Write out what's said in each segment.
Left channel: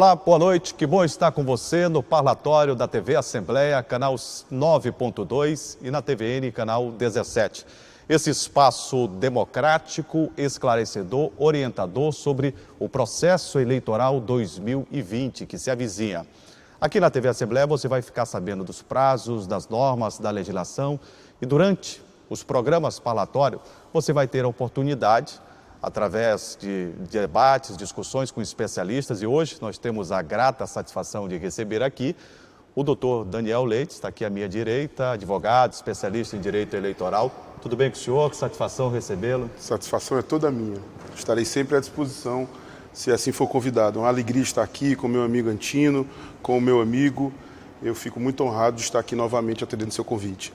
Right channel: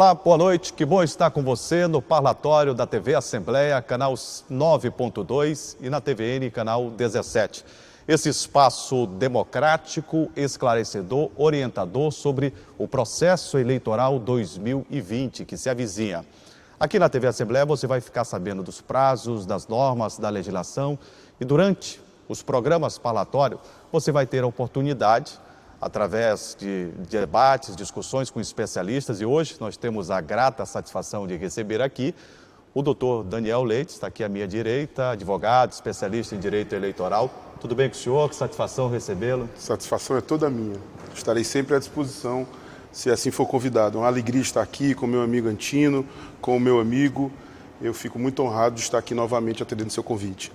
Olá, boa noite. Que bom estar com você no parlatório da TV Assembleia, canal 9.2 e na TVN, canal 17. Esse espaço democrático, esclarecedor, orientador sobre o processo eleitoral 2020 que se avizinha. Aqui na TV Assembleia você vai ficar sabendo dos prazos, das normas, da legislação e durante os programas parlatórios você vai ter a oportunidade, através de debates, discussões com especialistas, e hoje nós temos a grata satisfação de receber aqui o doutor Daniel Leite, está aqui à minha direita, advogado, especialista em direito eleitoral. Tudo bem com o senhor? Que satisfação recebê-lo. Satisfação é toda minha. Estarei sempre à disposição, se assim for convidado. É uma alegria estar aqui com o meu amigo Antino, com o meu amigo. Eu fico muito honrado de estar aqui novamente atendendo seu convite.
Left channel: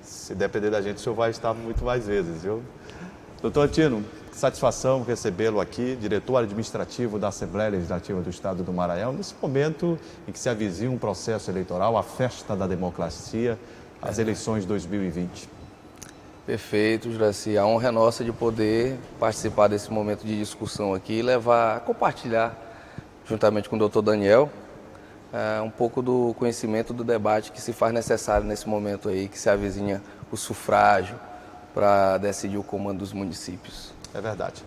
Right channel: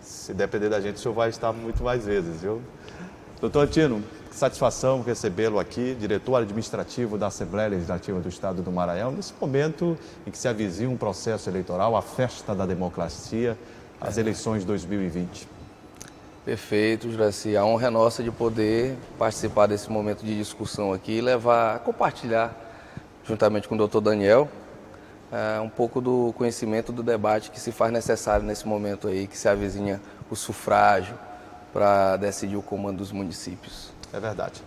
Se depender da gente, o senhor vai estar muito mais vezes, viu? Doutor Antino, que satisfação recebê-lo aqui, diretor administrativo da Assembleia Legislativa do Estado do Maranhão, nesse momento em que se avizinha um processo eleitoral, a festa da democracia, as eleições de 2020. Perfeito, Juraci. A honra é nossa de poder participar desse momento de discussão aqui e compartilhar, juntamente com o doutor Daniel, um pouco do conhecimento do debate que se faz necessário nesse momento aí, que se avizinha o sufrágio para decidir o comando dos municípios. É verdade.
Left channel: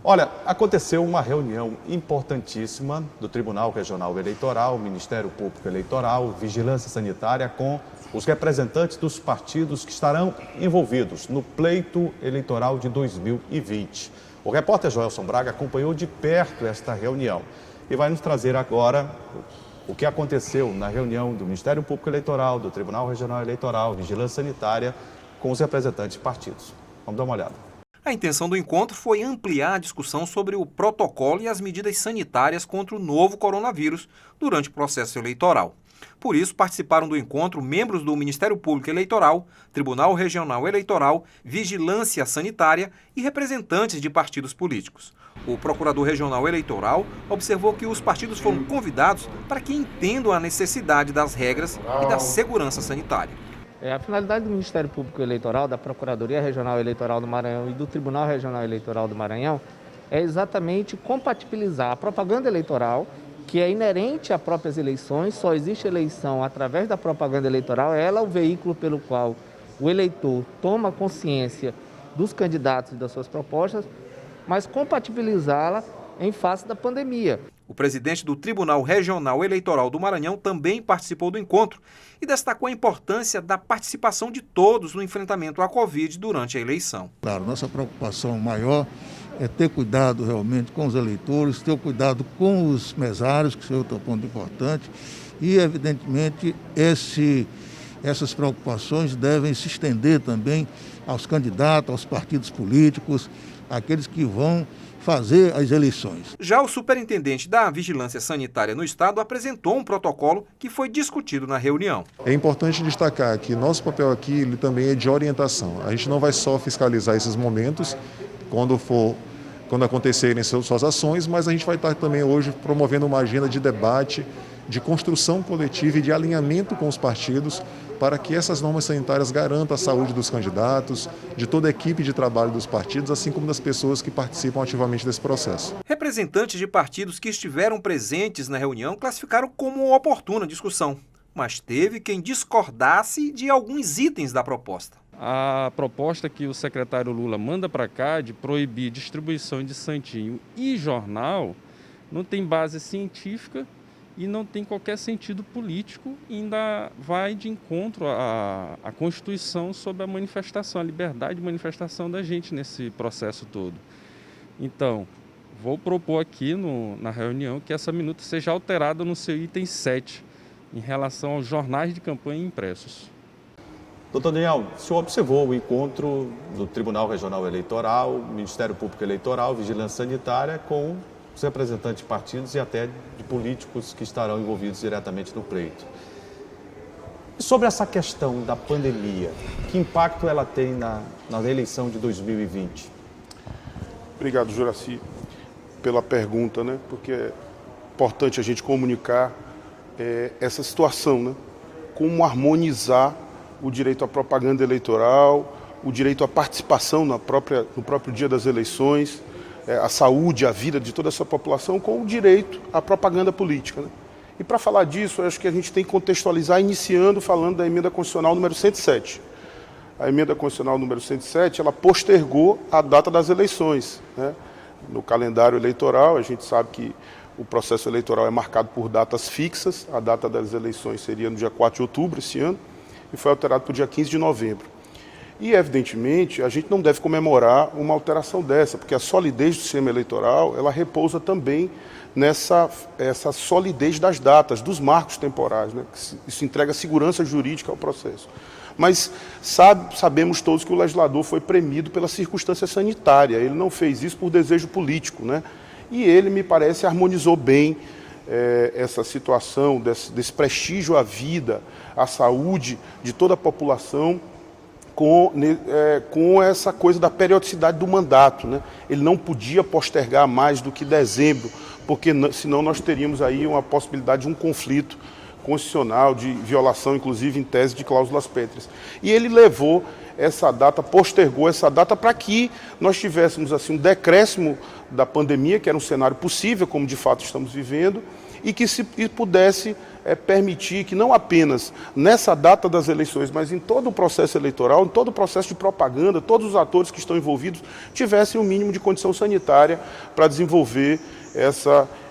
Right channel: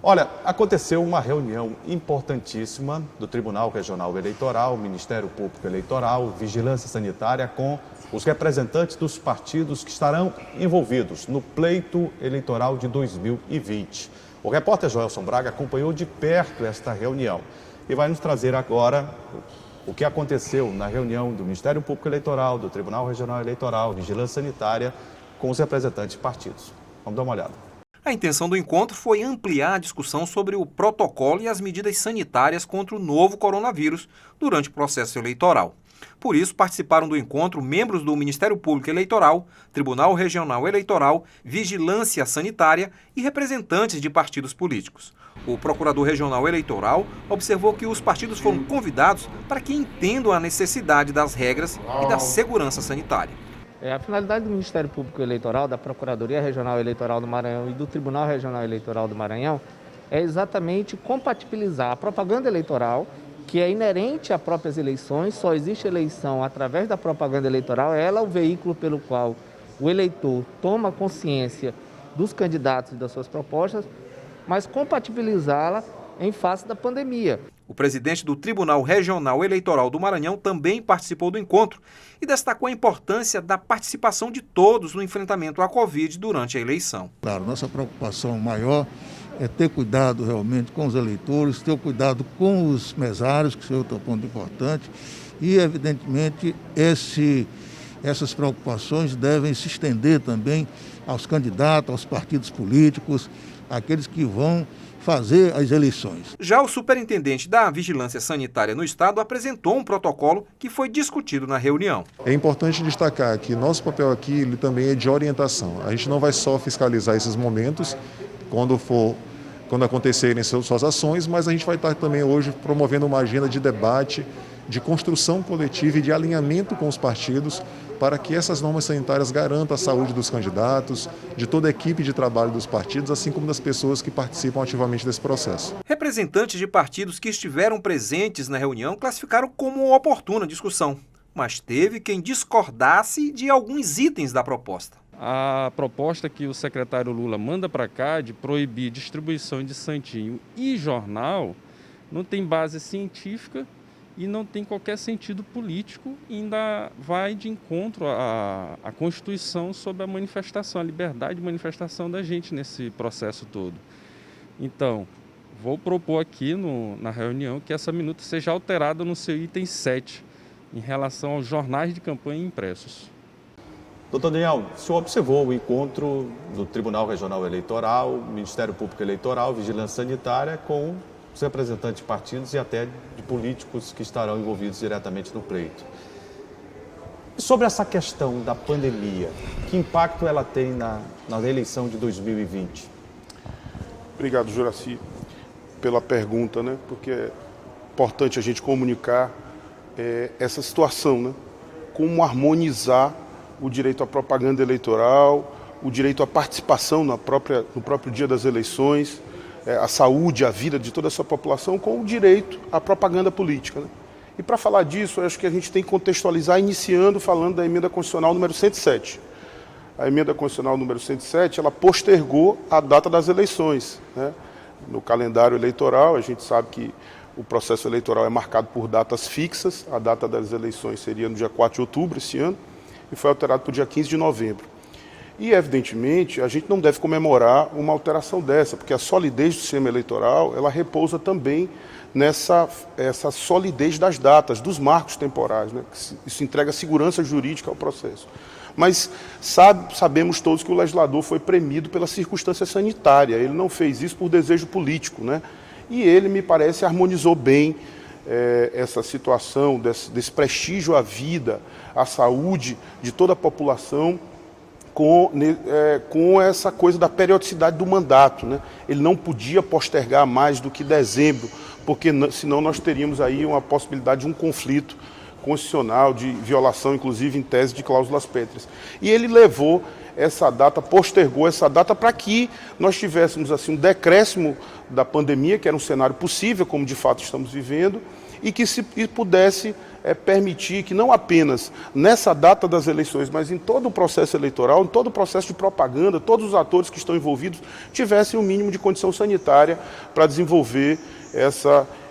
Olha, aconteceu uma reunião importantíssima do Tribunal Regional Eleitoral, Ministério Público Eleitoral, Vigilância Sanitária, com os representantes dos partidos que estarão envolvidos no pleito eleitoral de 2020. O repórter Joelson Braga acompanhou de perto esta reunião e vai nos trazer agora o que aconteceu na reunião do Ministério Público Eleitoral, do Tribunal Regional Eleitoral, Vigilância Sanitária, com os representantes de partidos. Vamos dar uma olhada. A intenção do encontro foi ampliar a discussão sobre o protocolo e as medidas sanitárias contra o novo coronavírus durante o processo eleitoral. Por isso, participaram do encontro membros do Ministério Público Eleitoral, Tribunal Regional Eleitoral, Vigilância Sanitária e representantes de partidos políticos. O Procurador Regional Eleitoral observou que os partidos foram convidados para que entendam a necessidade das regras e da segurança sanitária. A finalidade do Ministério Público Eleitoral, da Procuradoria Regional Eleitoral do Maranhão e do Tribunal Regional Eleitoral do Maranhão é exatamente compatibilizar a propaganda eleitoral, que é inerente a próprias eleições, só existe eleição através da propaganda eleitoral, ela é o veículo pelo qual o eleitor toma consciência dos candidatos e das suas propostas, mas compatibilizá-la em face da pandemia. O presidente do Tribunal Regional Eleitoral do Maranhão também participou do encontro e destacou a importância da participação de todos no enfrentamento à Covid durante a eleição. Claro, nossa preocupação maior é ter cuidado realmente com os eleitores, ter cuidado com os mesários, que é outro ponto importante, e evidentemente essas preocupações devem se estender também aos candidatos, aos partidos políticos, aqueles que vão fazer as eleições. Já o superintendente da Vigilância Sanitária no Estado apresentou um protocolo que foi discutido na reunião. É importante destacar que nosso papel aqui ele também é de orientação. A gente não vai só fiscalizar esses momentos quando acontecerem suas ações, mas a gente vai estar também hoje promovendo uma agenda de debate, de construção coletiva e de alinhamento com os partidos para que essas normas sanitárias garantam a saúde dos candidatos, de toda a equipe de trabalho dos partidos, assim como das pessoas que participam ativamente desse processo. Representantes de partidos que estiveram presentes na reunião classificaram como oportuna a discussão, mas teve quem discordasse de alguns itens da proposta. A proposta que o secretário Lula manda para cá de proibir distribuição de santinho e jornal não tem base científica e não tem qualquer sentido político e ainda vai de encontro à Constituição sobre a manifestação, a liberdade de manifestação da gente nesse processo todo. Então, vou propor aqui na reunião que essa minuta seja alterada no seu item 7, em relação aos jornais de campanha impressos. Doutor Daniel, o senhor observou o encontro do Tribunal Regional Eleitoral, Ministério Público Eleitoral, Vigilância Sanitária, com os representantes de partidos e até de políticos que estarão envolvidos diretamente no pleito. E sobre essa questão da pandemia, que impacto ela tem na eleição de 2020? Obrigado, Juraci, pela pergunta, né? Porque é importante a gente comunicar essa situação, né? Como harmonizar o direito à propaganda eleitoral, o direito à participação no próprio dia das eleições, a saúde, a vida de toda essa população com o direito à propaganda política, né? E para falar disso, eu acho que a gente tem que contextualizar, iniciando falando da emenda constitucional número 107. A emenda constitucional número 107, ela postergou a data das eleições, né? No calendário eleitoral, a gente sabe que o processo eleitoral é marcado por datas fixas. A data das eleições seria no dia 4 de outubro esse ano e foi alterado para o dia 15 de novembro. E, evidentemente, a gente não deve comemorar uma alteração dessa, porque a solidez do sistema eleitoral, ela repousa também essa solidez das datas, dos marcos temporais, né? Isso entrega segurança jurídica ao processo. Mas sabemos todos que o legislador foi premido pela circunstância sanitária, ele não fez isso por desejo político, né? E ele, me parece, harmonizou bem essa situação desse prestígio à vida, à saúde de toda a população, com essa coisa da periodicidade do mandato, né? Ele não podia postergar mais do que dezembro, porque senão nós teríamos aí uma possibilidade de um conflito constitucional, de violação, inclusive, em tese de cláusulas pétreas. E ele levou essa data, postergou essa data para que nós tivéssemos assim um decréscimo da pandemia, que era um cenário possível, como de fato estamos vivendo, e que pudesse permitir que não apenas nessa data das eleições, mas em todo o processo eleitoral, em todo o processo de propaganda, todos os atores que estão envolvidos tivessem o mínimo de condição sanitária para desenvolver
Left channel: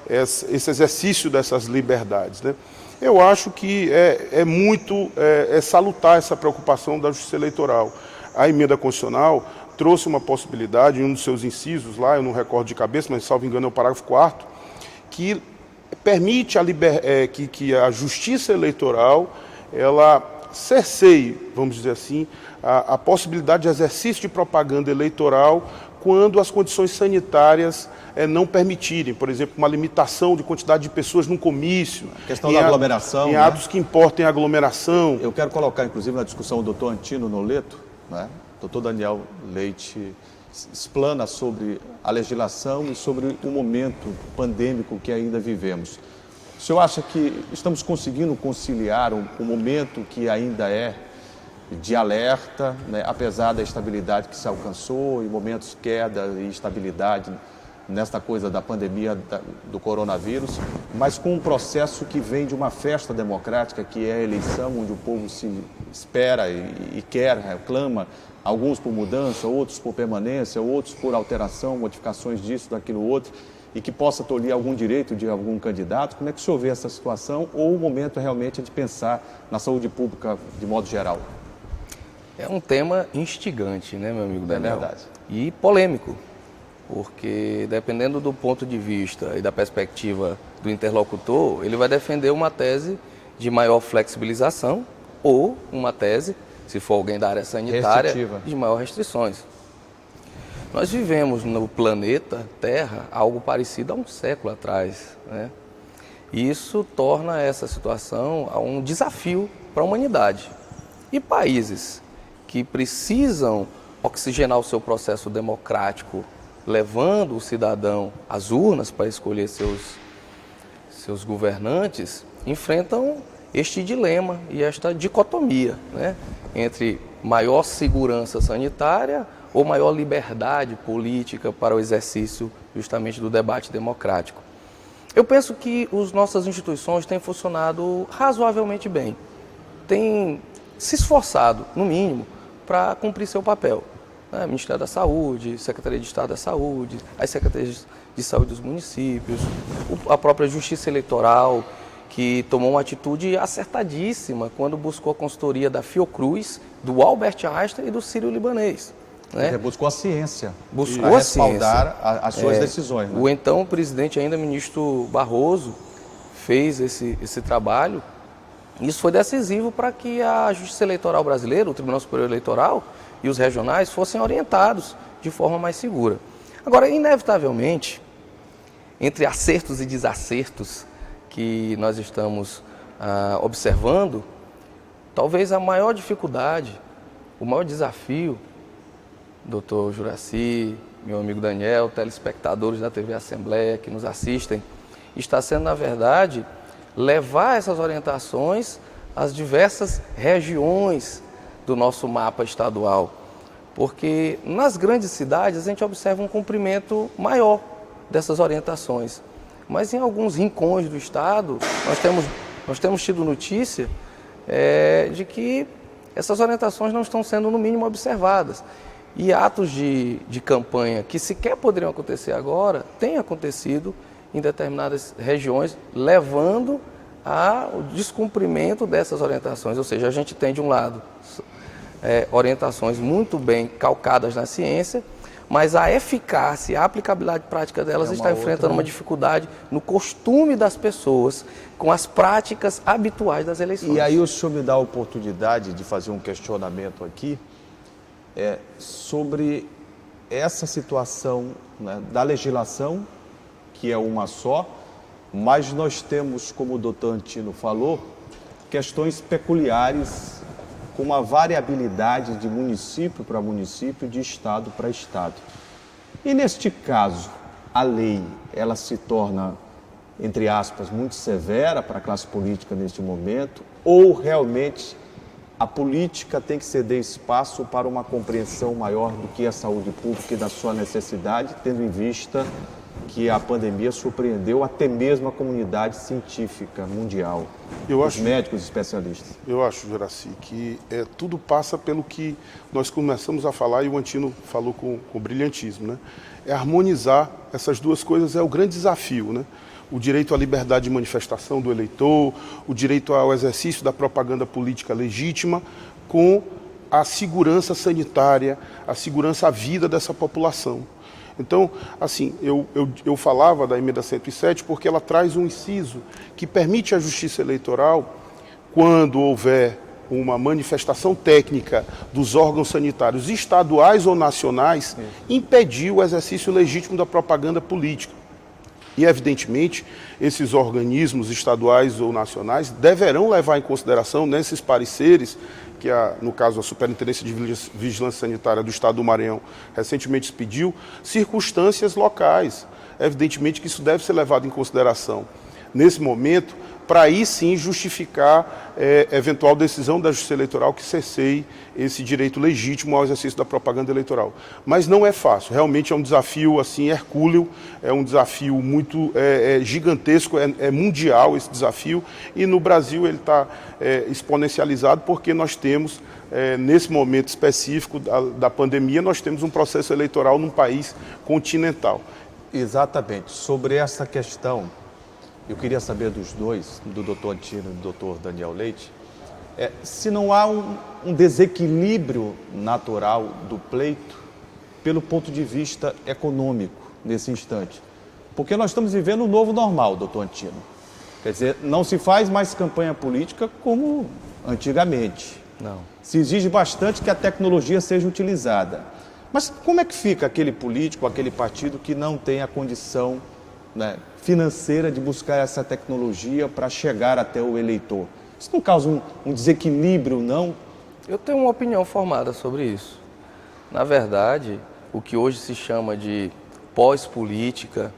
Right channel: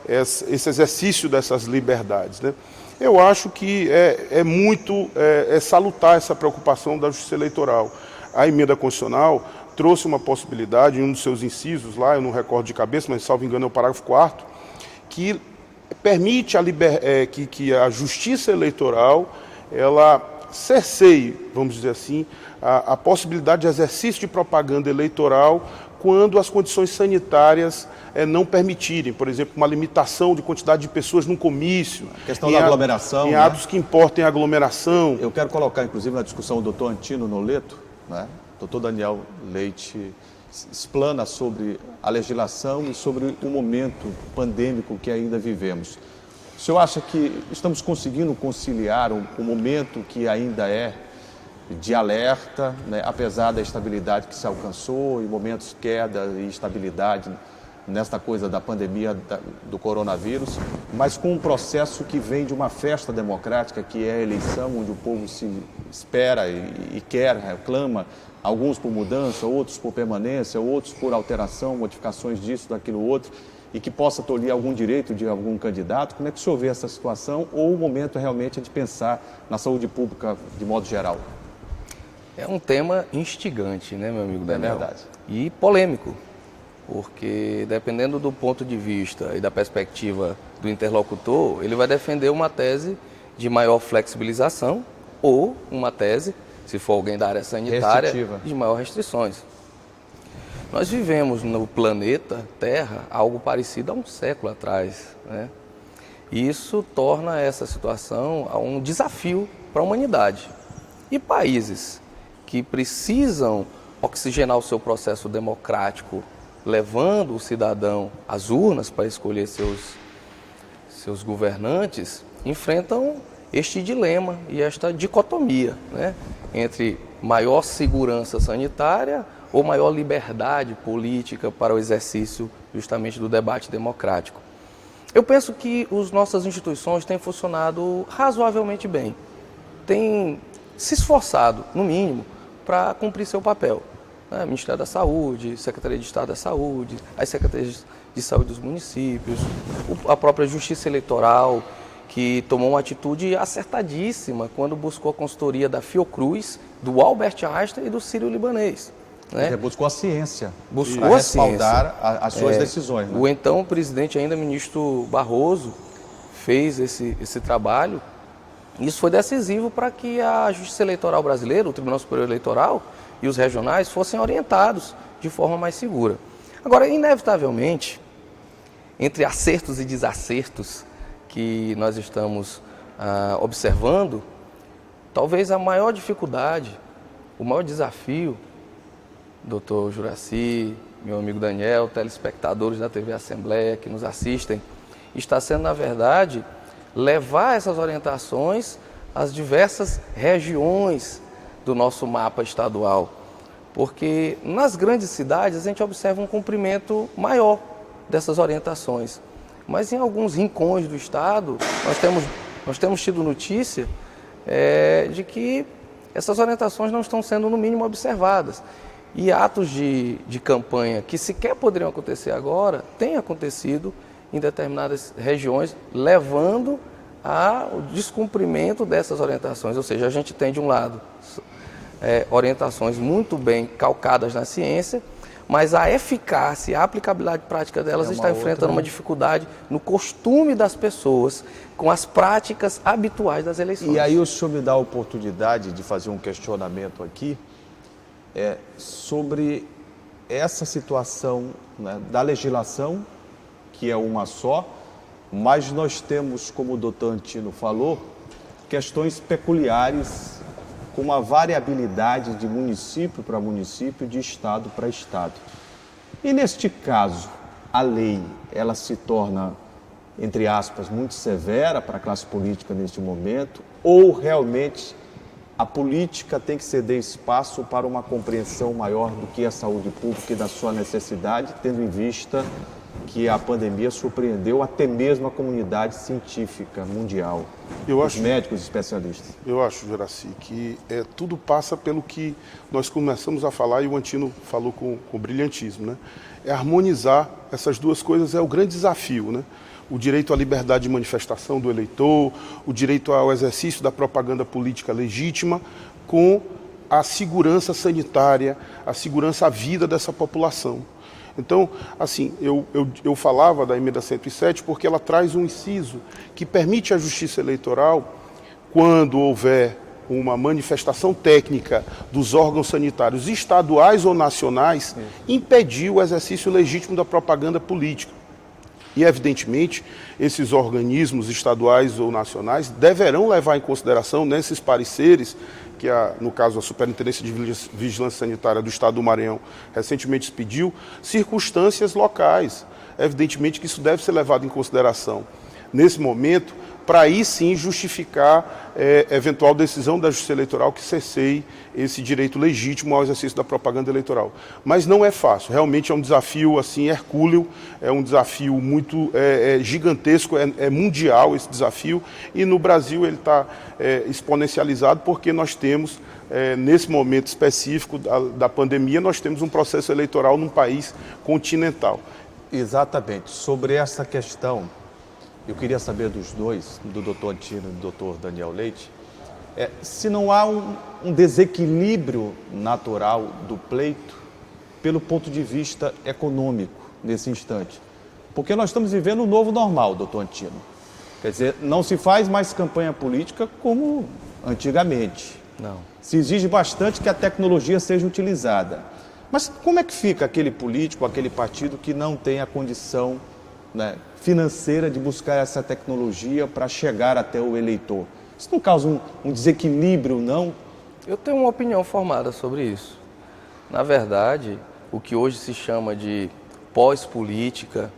esse exercício dessas liberdades, né? Eu acho que é salutar essa preocupação da Justiça Eleitoral. A emenda constitucional trouxe uma possibilidade, em um dos seus incisos lá, eu não recordo de cabeça, mas salvo engano é o parágrafo 4º, que permite que a Justiça Eleitoral ela cerceie, vamos dizer assim, a possibilidade de exercício de propaganda eleitoral quando as condições sanitárias não permitirem, por exemplo, uma limitação de quantidade de pessoas num comício. A questão da aglomeração. Em atos que importem aglomeração. Eu quero colocar, inclusive, na discussão o doutor Antino Noleto, né? O doutor Daniel Leite explana sobre a legislação e sobre o momento pandêmico que ainda vivemos. O senhor acha que estamos conseguindo conciliar um momento que ainda é de alerta, né? Apesar da estabilidade que se alcançou, em momentos de queda e estabilidade nesta coisa da pandemia do coronavírus, mas com um processo que vem de uma festa democrática, que é a eleição, onde o povo se espera e quer, reclama, alguns por mudança, outros por permanência, outros por alteração, modificações disso, daquilo, outro, e que possa tolher algum direito de algum candidato. Como é que o senhor vê essa situação, ou o momento realmente é de pensar na saúde pública de modo geral? É um tema instigante, né, meu amigo Daniel? É verdade. E polêmico, porque dependendo do ponto de vista e da perspectiva do interlocutor, ele vai defender uma tese de maior flexibilização ou uma tese, se for alguém da área sanitária, restritiva, de maior restrições. Nós vivemos no planeta Terra algo parecido há um século atrás, né? E isso torna essa situação um desafio para a humanidade. E países que precisam oxigenar o seu processo democrático, levando o cidadão às urnas para escolher seus governantes, enfrentam este dilema e esta dicotomia, né, entre maior segurança sanitária ou maior liberdade política para o exercício justamente do debate democrático. Eu penso que as nossas instituições têm funcionado razoavelmente bem, têm se esforçado, no mínimo, para cumprir seu papel. Ministério da Saúde, Secretaria de Estado da Saúde, as Secretarias de Saúde dos municípios, a própria Justiça Eleitoral, que tomou uma atitude acertadíssima quando buscou a consultoria da Fiocruz, do Albert Einstein e do Sírio-Libanês. Né? Buscou a ciência, buscou para a ciência, respaldar as suas decisões. Né? O então presidente, ainda ministro Barroso, fez esse trabalho. Isso foi decisivo para que a Justiça Eleitoral brasileira, o Tribunal Superior Eleitoral e os regionais fossem orientados de forma mais segura. Agora, inevitavelmente, entre acertos e desacertos que nós estamos observando, talvez a maior dificuldade, o maior desafio, doutor Juraci, meu amigo Daniel, telespectadores da TV Assembleia que nos assistem, está sendo, na verdade, levar essas orientações às diversas regiões do nosso mapa estadual, porque nas grandes cidades a gente observa um cumprimento maior dessas orientações. Mas em alguns rincões do estado, nós temos tido notícia de que essas orientações não estão sendo, no mínimo, observadas. E atos de campanha que sequer poderiam acontecer agora, têm acontecido em determinadas regiões, levando ao descumprimento dessas orientações. Ou seja, a gente tem, de um lado, orientações muito bem calcadas na ciência, mas a eficácia, a aplicabilidade prática delas está enfrentando uma dificuldade no costume das pessoas com as práticas habituais das eleições. E aí o senhor me dá a oportunidade de fazer um questionamento aqui sobre essa situação, né, da legislação, que é uma só, mas nós temos, como o doutor Antino falou, questões peculiares com uma variabilidade de município para município, de estado para estado. E neste caso, a lei, ela se torna, entre aspas, muito severa para a classe política neste momento, ou realmente a política tem que ceder espaço para uma compreensão maior do que a saúde pública e da sua necessidade, tendo em vista que a pandemia surpreendeu até mesmo a comunidade científica mundial, os médicos especialistas. Eu acho, Juraci, que tudo passa pelo que nós começamos a falar e o Antino falou com brilhantismo, né? É harmonizar essas duas coisas, é o grande desafio, né? O direito à liberdade de manifestação do eleitor, o direito ao exercício da propaganda política legítima, com a segurança sanitária, a segurança à vida dessa população. Então, assim, eu falava da emenda 107 porque ela traz um inciso que permite à Justiça Eleitoral, quando houver uma manifestação técnica dos órgãos sanitários estaduais ou nacionais, impedir o exercício legítimo da propaganda política. E, evidentemente, esses organismos estaduais ou nacionais deverão levar em consideração, nesses pareceres, que, no caso, a Superintendência de Vigilância Sanitária do Estado do Maranhão recentemente expediu, circunstâncias locais. Evidentemente que isso deve ser levado em consideração nesse momento, para aí sim justificar eventual decisão da Justiça Eleitoral que cerceie esse direito legítimo ao exercício da propaganda eleitoral. Mas não é fácil, realmente é um desafio assim hercúleo, é um desafio muito gigantesco, é mundial esse desafio, e no Brasil ele está exponencializado porque nós temos, nesse momento específico da pandemia, nós temos um processo eleitoral num país continental. Exatamente. Sobre essa questão, eu queria saber dos dois, do doutor Antino e do doutor Daniel Leite, se não há um desequilíbrio natural do pleito pelo ponto de vista econômico nesse instante. Porque nós estamos vivendo um novo normal, doutor Antino. Quer dizer, não se faz mais campanha política como antigamente. Não. Se exige bastante que a tecnologia seja utilizada. Mas como é que fica aquele político, aquele partido que não tem a condição, né, financeira de buscar essa tecnologia para chegar até o eleitor? Isso não causa um desequilíbrio, não? Eu tenho uma opinião formada sobre isso. Na verdade, o que hoje se chama de pós-política,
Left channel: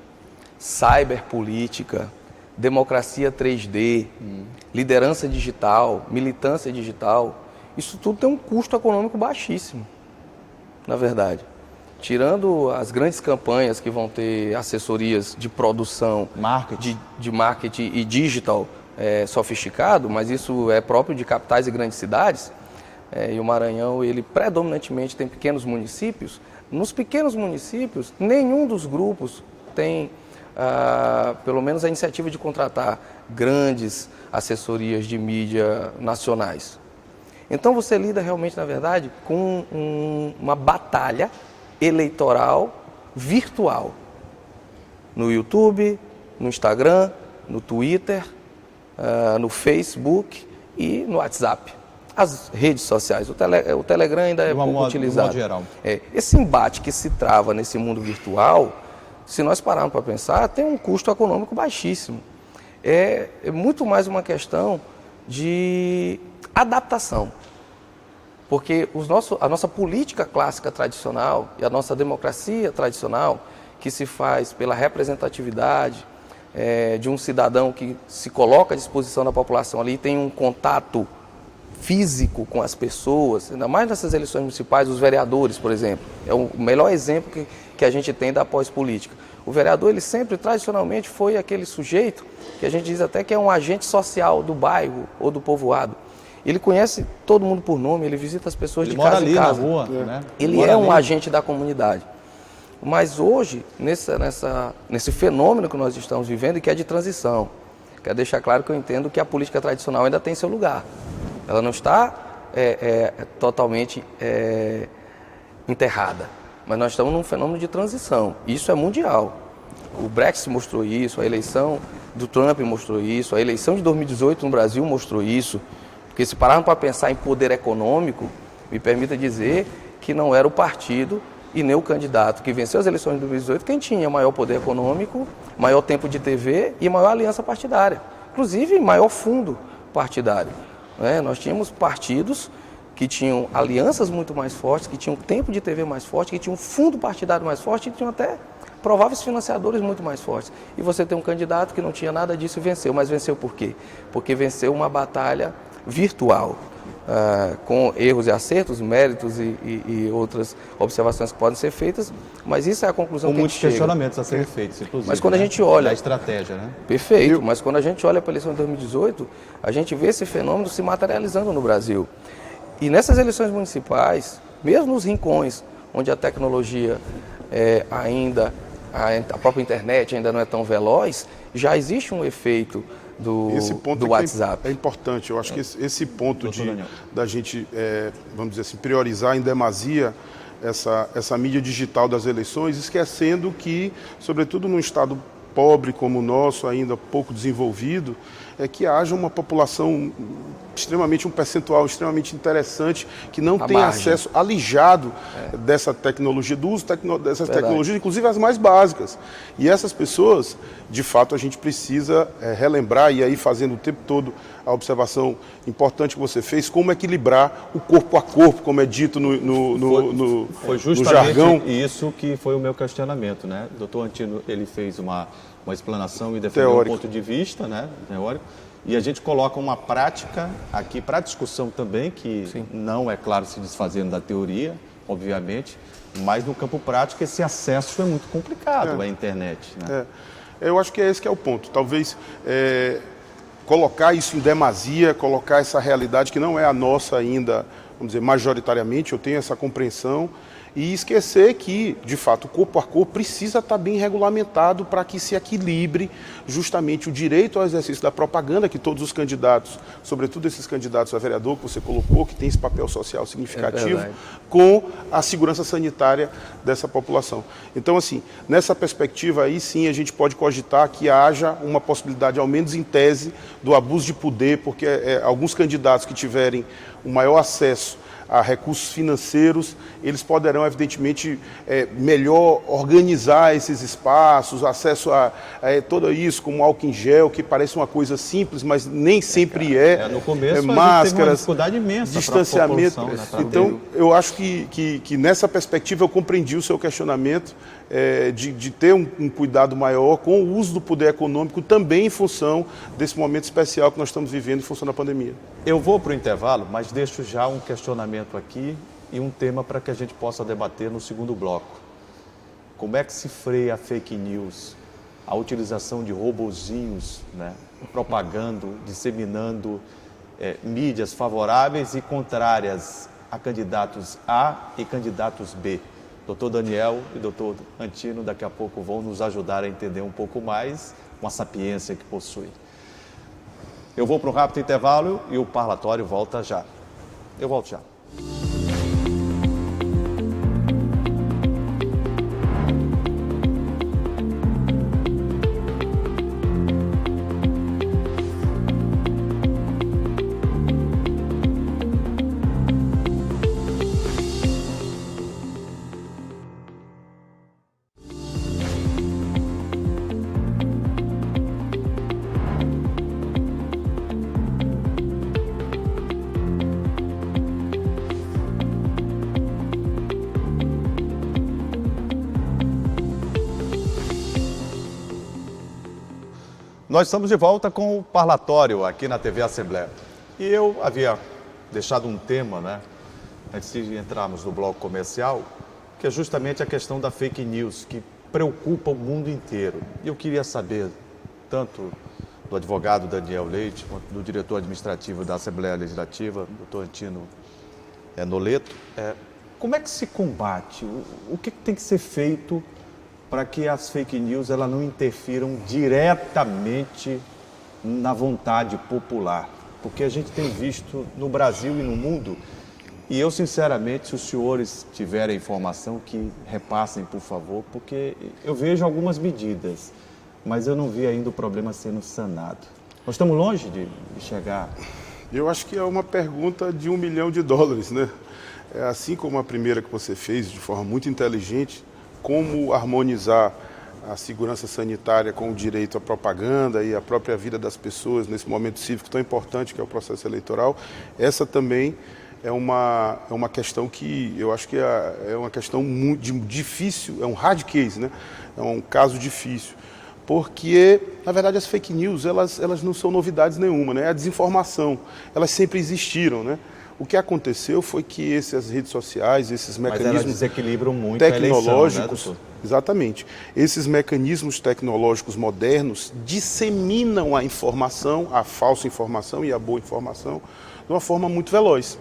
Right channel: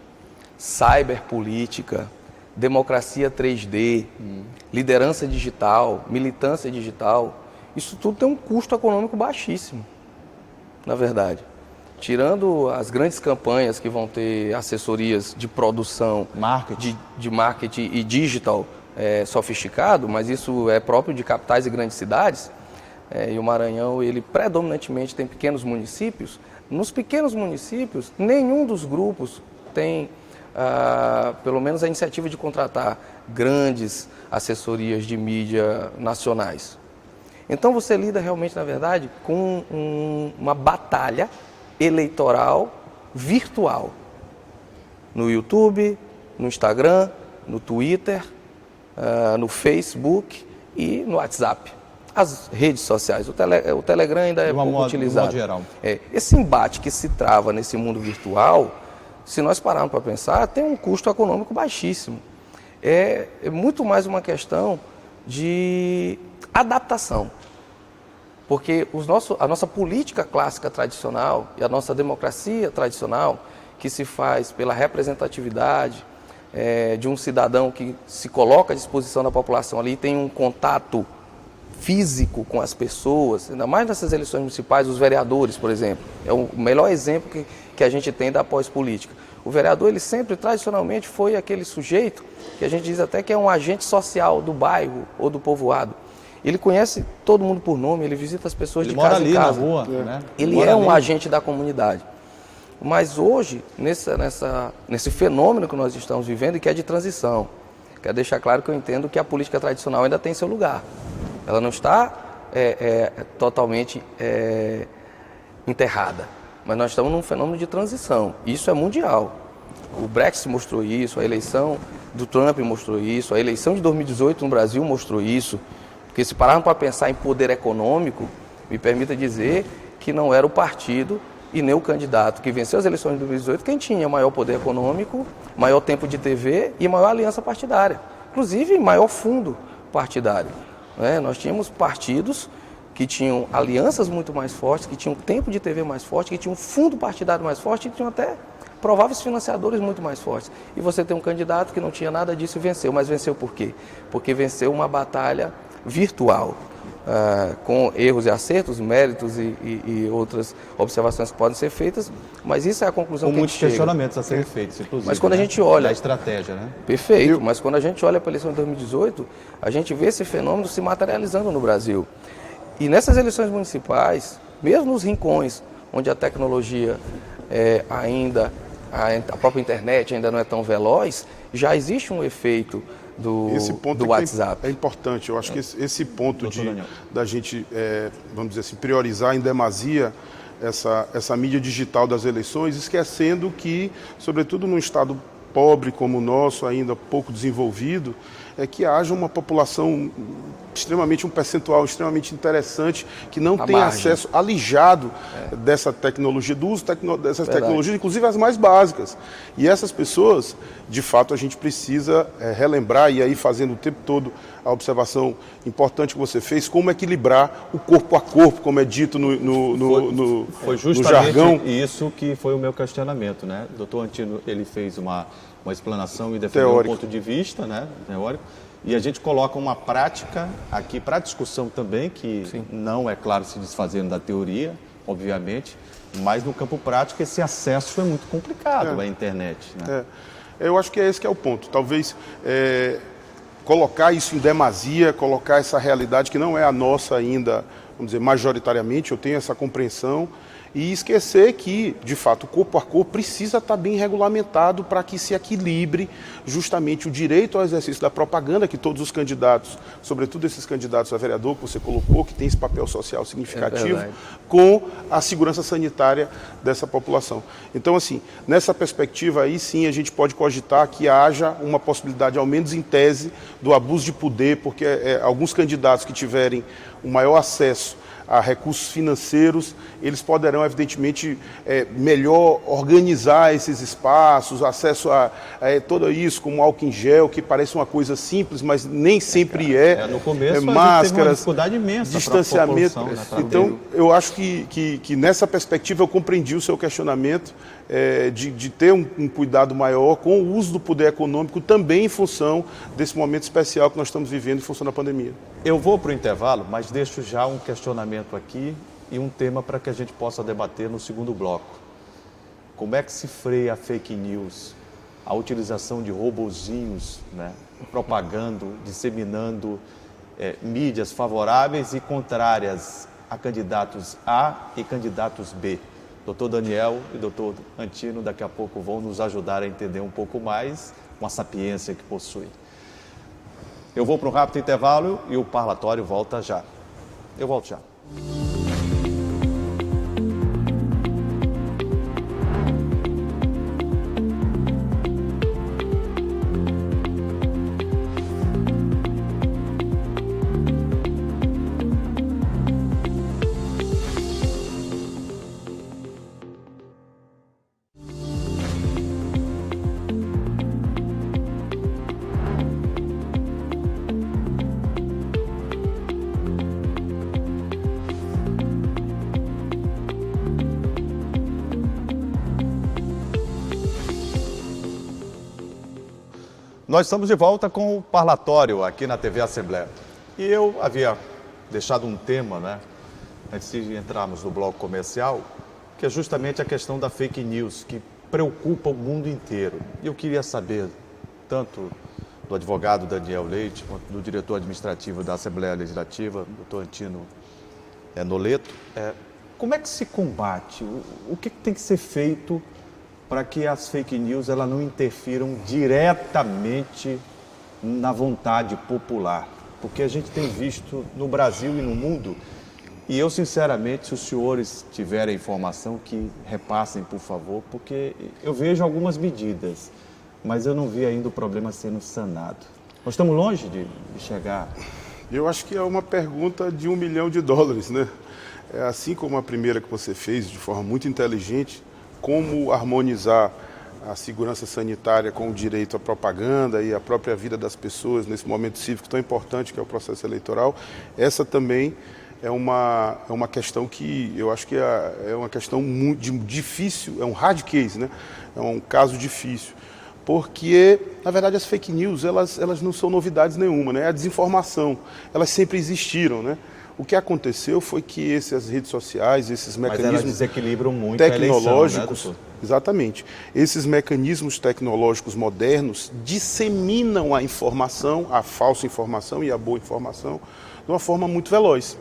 cyberpolítica, democracia 3D, liderança digital, militância digital, isso tudo tem um custo econômico baixíssimo, na verdade. Tirando as grandes campanhas que vão ter assessorias de produção, de marketing e digital sofisticado, mas isso é próprio de capitais e grandes cidades, e o Maranhão, ele predominantemente tem pequenos municípios. Nos pequenos municípios, nenhum dos grupos tem, pelo menos, a iniciativa de contratar grandes assessorias de mídia nacionais. Então você lida realmente, na verdade, com uma batalha eleitoral virtual. No YouTube, no Instagram, no Twitter, no Facebook e no WhatsApp. As redes sociais, o Telegram ainda é pouco utilizado. Esse embate que se trava nesse mundo virtual, se nós pararmos para pensar, tem um custo econômico baixíssimo. É muito mais uma questão de adaptação. Porque a nossa política clássica tradicional e a nossa democracia tradicional, que se faz pela representatividade de um cidadão que se coloca à disposição da população ali e tem um contato físico com as pessoas, ainda mais nessas eleições municipais, os vereadores, por exemplo. É o melhor exemplo que a gente tem da pós-política. O vereador, ele sempre, tradicionalmente, foi aquele sujeito que a gente diz até que é um agente social do bairro ou do povoado. Ele conhece todo mundo por nome, ele visita as pessoas de casa em casa. Ele mora ali na rua, né? Ele é um agente da comunidade. Mas hoje, nesse fenômeno que nós estamos vivendo e que é de transição, quero deixar claro que eu entendo que a política tradicional ainda tem seu lugar. Ela não está totalmente enterrada, mas nós estamos num fenômeno de transição. Isso é mundial. O Brexit mostrou isso, a eleição do Trump mostrou isso, a eleição de 2018 no Brasil mostrou isso. Porque se pararmos para pensar em poder econômico, me permita dizer que não era o partido e nem o candidato que venceu as eleições de 2018 quem tinha maior poder econômico, maior tempo de TV e maior aliança partidária. Inclusive, maior fundo partidário. Nós tínhamos partidos que tinham alianças muito mais fortes, que tinham tempo de TV mais forte, que tinham um fundo partidário mais forte e que tinham até prováveis financiadores muito mais fortes. E você tem um candidato que não tinha nada disso e venceu. Mas venceu por quê? Porque venceu uma batalha virtual, com erros e acertos, méritos e outras observações que podem ser feitas, mas isso é a conclusão que a gente chega. Com muitos questionamentos a serem feitos, inclusive. Mas quando a gente olha... a estratégia, né? Perfeito, mas quando a gente olha para a eleição de 2018, a gente vê esse fenômeno se materializando no Brasil. E nessas eleições municipais, mesmo nos rincões, onde a tecnologia a própria internet ainda não é tão veloz, já existe um efeito esse ponto do WhatsApp. É importante. Eu acho que esse ponto da gente, vamos dizer assim, priorizar em demasia essa mídia digital das eleições, esquecendo que, sobretudo num estado pobre como o nosso, ainda pouco desenvolvido, é que haja uma população um percentual extremamente interessante que não tem acesso alijado dessa tecnologia, do uso dessas tecnologias, inclusive as mais básicas. E essas pessoas, de fato, a gente precisa relembrar, e aí fazendo o tempo todo a observação importante que você fez, como equilibrar o corpo a corpo, como é dito foi justamente isso que foi o meu questionamento, né? O doutor Antino, ele fez uma explanação e defendeu um ponto de vista, né, teórico. E a gente coloca uma prática aqui para discussão também, que não é claro se desfazendo da teoria, obviamente, mas no campo prático esse acesso é muito complicado à internet. Né? Eu acho que esse que é o ponto. Talvez colocar isso em demasia, colocar essa realidade que não é a nossa ainda, vamos dizer, majoritariamente, eu tenho essa compreensão, e esquecer que, de fato, corpo a corpo precisa estar bem regulamentado para que se equilibre justamente o direito ao exercício da propaganda que todos os candidatos, sobretudo esses candidatos a vereador que você colocou, que tem esse papel social significativo, com a segurança sanitária dessa população. Então, assim, nessa perspectiva aí sim a gente pode cogitar que haja uma possibilidade, ao menos em tese, do abuso de poder, porque alguns candidatos que tiverem o maior acesso a recursos financeiros, eles poderão, evidentemente, melhor organizar esses espaços, acesso a tudo isso, como álcool em gel, que parece uma coisa simples, mas nem sempre no começo, máscaras, teve uma dificuldade imensa, distanciamento. Então, eu acho que nessa perspectiva eu compreendi o seu questionamento, de ter um cuidado maior com o uso do poder econômico também em função desse momento especial que nós estamos vivendo em função da pandemia. Eu vou para o intervalo, mas deixo já um questionamento aqui e um tema para que a gente possa debater no segundo bloco. Como é que se freia a fake news, a utilização de robozinhos, né, propagando, disseminando mídias favoráveis e contrárias a candidatos A e candidatos B? Doutor Daniel e doutor Antino daqui a pouco vão nos ajudar a entender um pouco mais com a sapiência que possui. Eu vou para um rápido intervalo e o parlatório volta já. Eu volto já. Nós estamos de volta com o parlatório aqui na TV Assembleia. E eu havia deixado um tema, né, antes de entrarmos no bloco comercial, que é justamente a questão da fake news, que preocupa o mundo inteiro. Eu queria saber, tanto do advogado Daniel Leite, quanto do diretor administrativo da Assembleia Legislativa, doutor Antino Noleto, como é que se combate? O que tem que ser feito para que as fake news elas não interfiram diretamente na vontade popular? Porque a gente tem visto no Brasil e no mundo, e eu sinceramente, se os senhores tiverem informação, que repassem, por favor, porque eu vejo algumas medidas, mas eu não vi ainda o problema sendo sanado. Nós estamos longe de chegar... Eu acho que é uma pergunta de $1 milhão, né? Assim como a primeira que você fez, de forma muito inteligente, como harmonizar a segurança sanitária com o direito à propaganda e a própria vida das pessoas nesse momento cívico tão importante que é o processo eleitoral, essa também é uma questão que eu acho que é uma questão muito difícil, é um hard case, né? É um caso difícil. Porque, na verdade, as fake news, elas não são novidades nenhuma, né? A desinformação, elas sempre existiram, né? O que aconteceu foi que essas redes sociais, esses mecanismos desequilibram muito tecnológicos, a eleição, né, exatamente, esses mecanismos tecnológicos modernos disseminam a informação, a falsa informação e a boa informação, de uma forma muito veloz.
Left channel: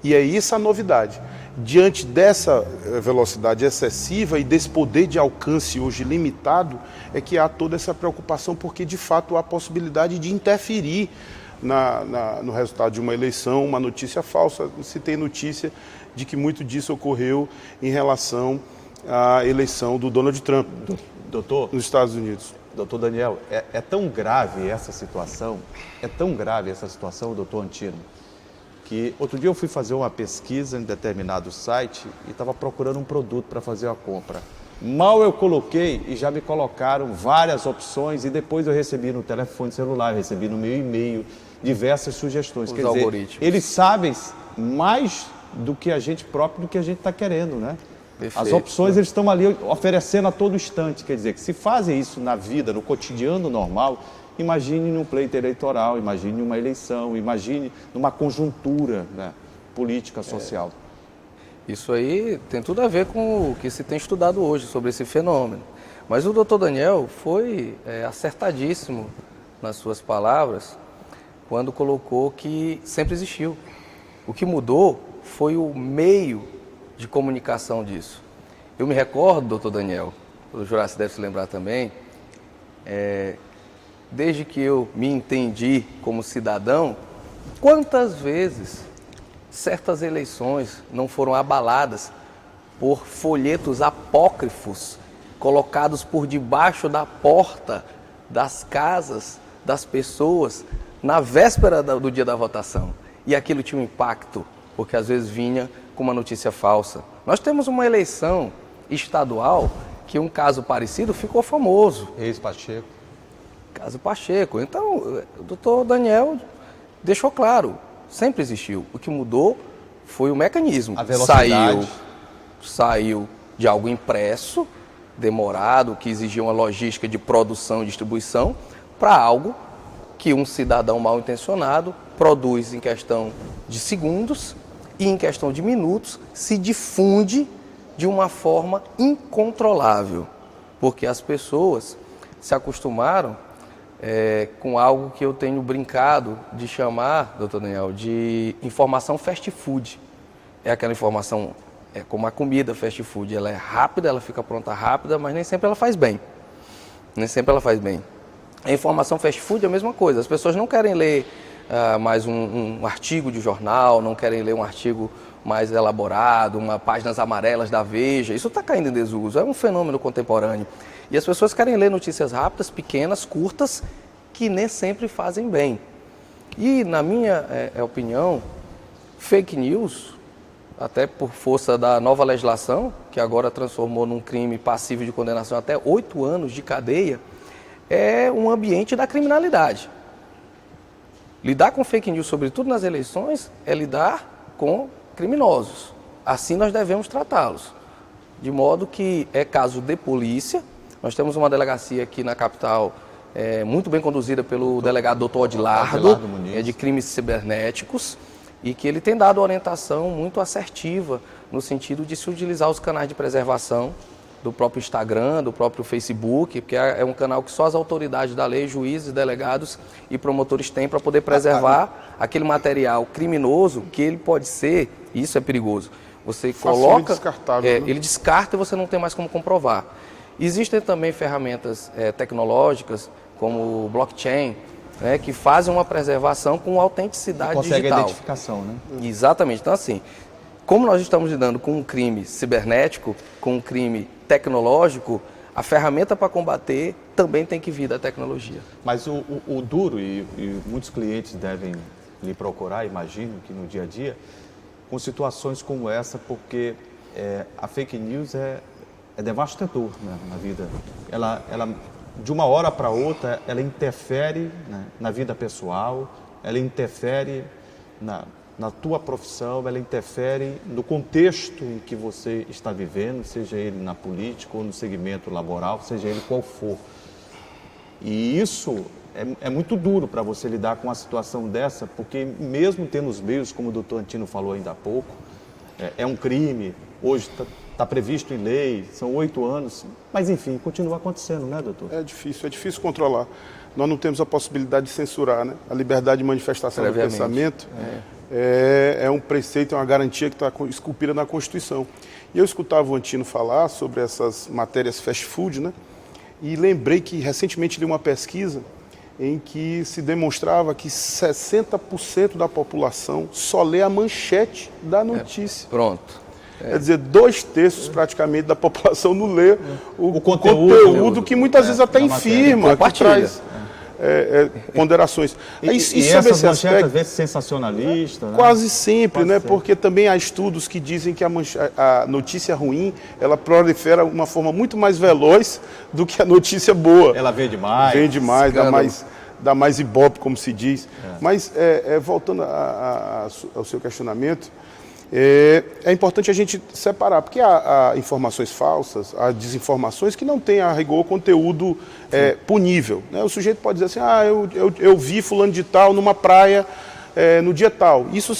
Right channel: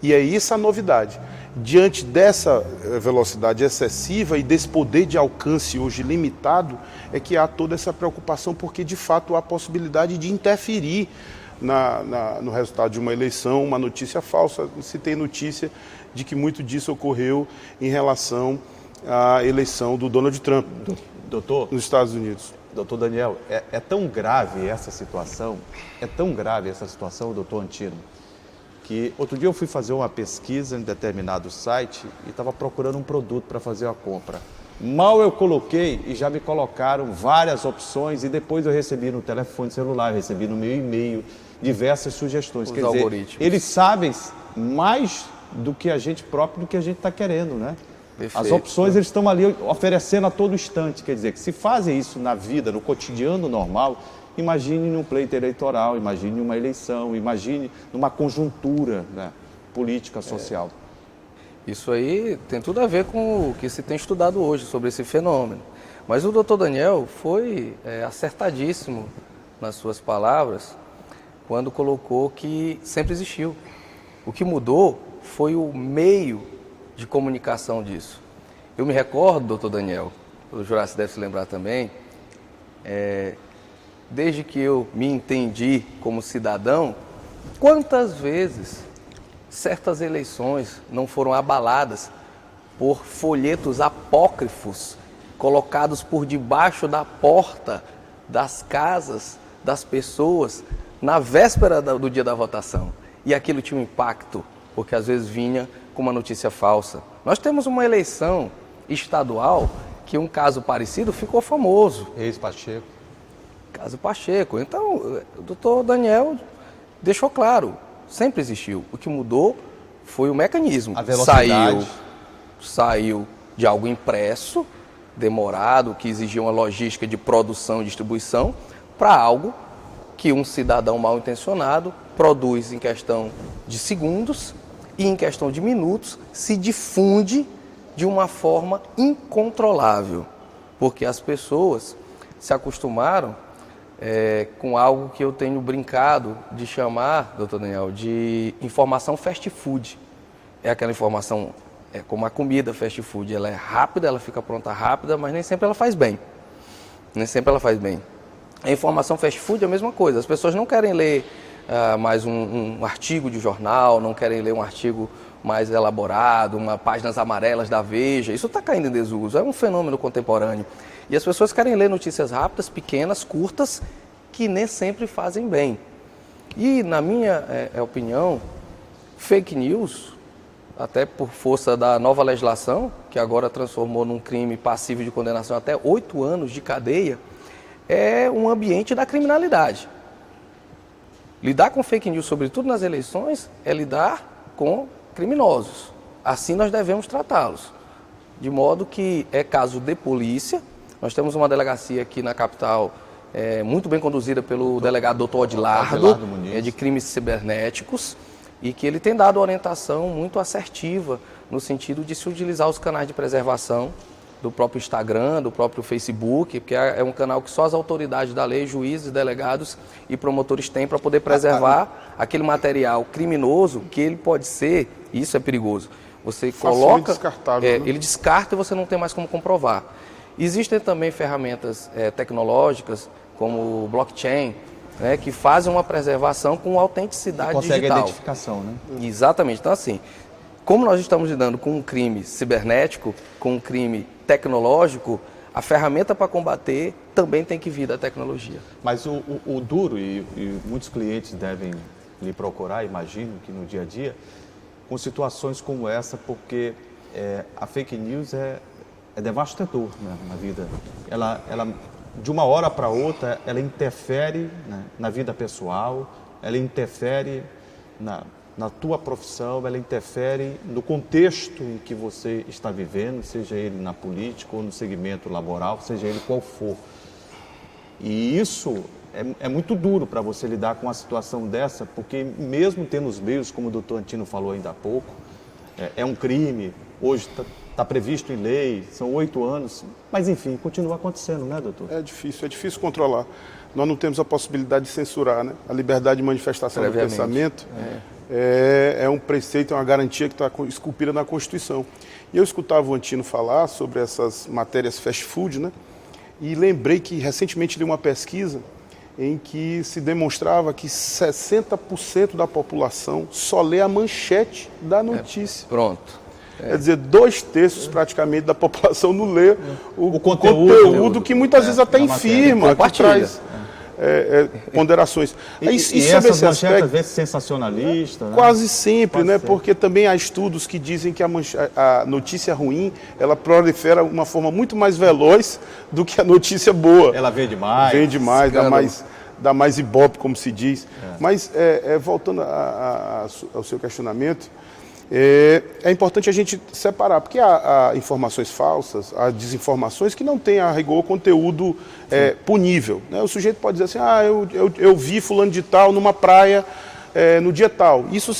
E é isso a novidade. Diante dessa velocidade excessiva e desse poder de alcance hoje limitado, é que há toda essa preocupação, porque de fato há a possibilidade de interferir no resultado de uma eleição, uma notícia falsa. Se tem notícia de que muito disso ocorreu em relação à eleição do Donald Trump, doutor, nos Estados Unidos. Doutor Daniel, é tão grave essa situação, doutor Antino, que outro dia eu fui fazer uma pesquisa em determinado site e estava procurando um produto para fazer a compra. Mal eu coloquei e já me colocaram várias opções e depois eu recebi no telefone celular, recebi no meu e-mail diversas sugestões. Quer dizer, eles sabem mais do que a gente próprio, do que a gente está querendo, né? Perfeito. As opções eles estão ali oferecendo a todo instante. Quer dizer, que se fazem isso na vida, no cotidiano normal, imagine num pleito eleitoral, imagine uma eleição, imagine numa conjuntura, né, política, social. Isso aí tem tudo a ver com o que se tem estudado hoje sobre esse fenômeno. Mas o doutor Daniel foi acertadíssimo nas suas palavras quando colocou que sempre existiu. O que mudou foi o meio de comunicação disso. Eu me recordo, doutor Daniel, o Juraci deve se lembrar também, desde que eu me entendi como cidadão, quantas vezes certas eleições não foram abaladas por folhetos apócrifos colocados por debaixo da porta das casas das pessoas na véspera do dia da votação. E aquilo tinha um impacto, porque às vezes vinha com uma notícia falsa. Nós temos uma eleição estadual que um caso parecido ficou famoso. Ex-Pacheco. Caso Pacheco. Então, o doutor Daniel deixou claro, sempre existiu. O que mudou foi o mecanismo. A velocidade. Saiu de algo impresso, demorado, que exigia uma logística de produção e distribuição, para algo que um cidadão mal intencionado produz em questão de segundos e em questão de minutos se difunde de uma forma incontrolável. Porque as pessoas se acostumaram com algo que eu tenho brincado de chamar, doutor Daniel, de informação fast food. É aquela informação, como a comida fast food, ela é rápida, ela fica pronta rápida, mas nem sempre ela faz bem. Nem sempre ela faz bem. A informação fast food é a mesma coisa. As pessoas não querem ler mais um artigo de jornal, não querem ler um artigo mais elaborado, páginas amarelas da Veja. Isso está caindo em desuso, é um fenômeno contemporâneo. E as pessoas querem ler notícias rápidas, pequenas, curtas, que nem sempre fazem bem. E, na minha opinião, fake news, até por força da nova legislação, que agora transformou num crime passível de condenação até 8 anos de cadeia, é um ambiente da criminalidade. Lidar com fake news, sobretudo nas eleições, é lidar com criminosos. Assim nós devemos tratá-los. De modo que é caso de polícia. Nós temos uma delegacia aqui na capital, muito bem conduzida pelo delegado Dr. Odilardo, de crimes cibernéticos. e que ele tem dado orientação muito assertiva no sentido de se utilizar os canais de preservação do próprio Instagram, do próprio Facebook, que é um canal que só as autoridades da lei, juízes, delegados e promotores têm para poder preservar aquele material criminoso que ele pode ser, e isso é perigoso. Você coloca, ele descarta e você não tem mais como comprovar. Existem também ferramentas tecnológicas, como o blockchain, né, que fazem uma preservação com autenticidade consegue digital. a identificação, né? Exatamente. Então, assim, como nós estamos lidando com um crime cibernético, com um crime tecnológico, a ferramenta para combater também tem que vir da tecnologia. Mas o duro, e muitos clientes devem me procurar, imagino que no dia a dia, com situações como essa, porque a fake news é devastador, né, na vida. Ela, de uma hora para outra, ela interfere, né, na vida pessoal, ela interfere na tua profissão, ela interfere no contexto em que você está vivendo, seja ele na política ou no segmento laboral, seja ele qual for. E isso é muito duro para você lidar com uma situação dessa, porque mesmo tendo os meios, como o doutor Antino falou ainda há pouco, é um crime, hoje está previsto em lei, são 8 anos, mas enfim, continua acontecendo, né, doutor? É difícil controlar. Nós não temos a possibilidade de censurar, né? A liberdade de manifestação do pensamento é um preceito, é uma garantia que está esculpida na Constituição. E eu escutava o Antino falar sobre essas matérias fast food, né? E lembrei que recentemente li uma pesquisa em que se demonstrava que 60% da população só lê a manchete da notícia. Pronto. Quer dizer, 2/3 praticamente da população não lê o conteúdo que muitas vezes até infirma, que traz ponderações. E essas manchetes às vezes sensacionalistas. Quase sempre, né? Porque também há estudos que dizem que a notícia ruim, ela prolifera de uma forma muito mais veloz do que a notícia boa. Ela vende mais. Vende mais, dá mais ibope, como se diz. Mas, voltando ao seu questionamento, é importante a gente separar, porque há informações falsas, há desinformações que não têm a rigor conteúdo punível, né? O sujeito pode dizer assim, eu vi fulano de tal numa praia no dia tal. Isso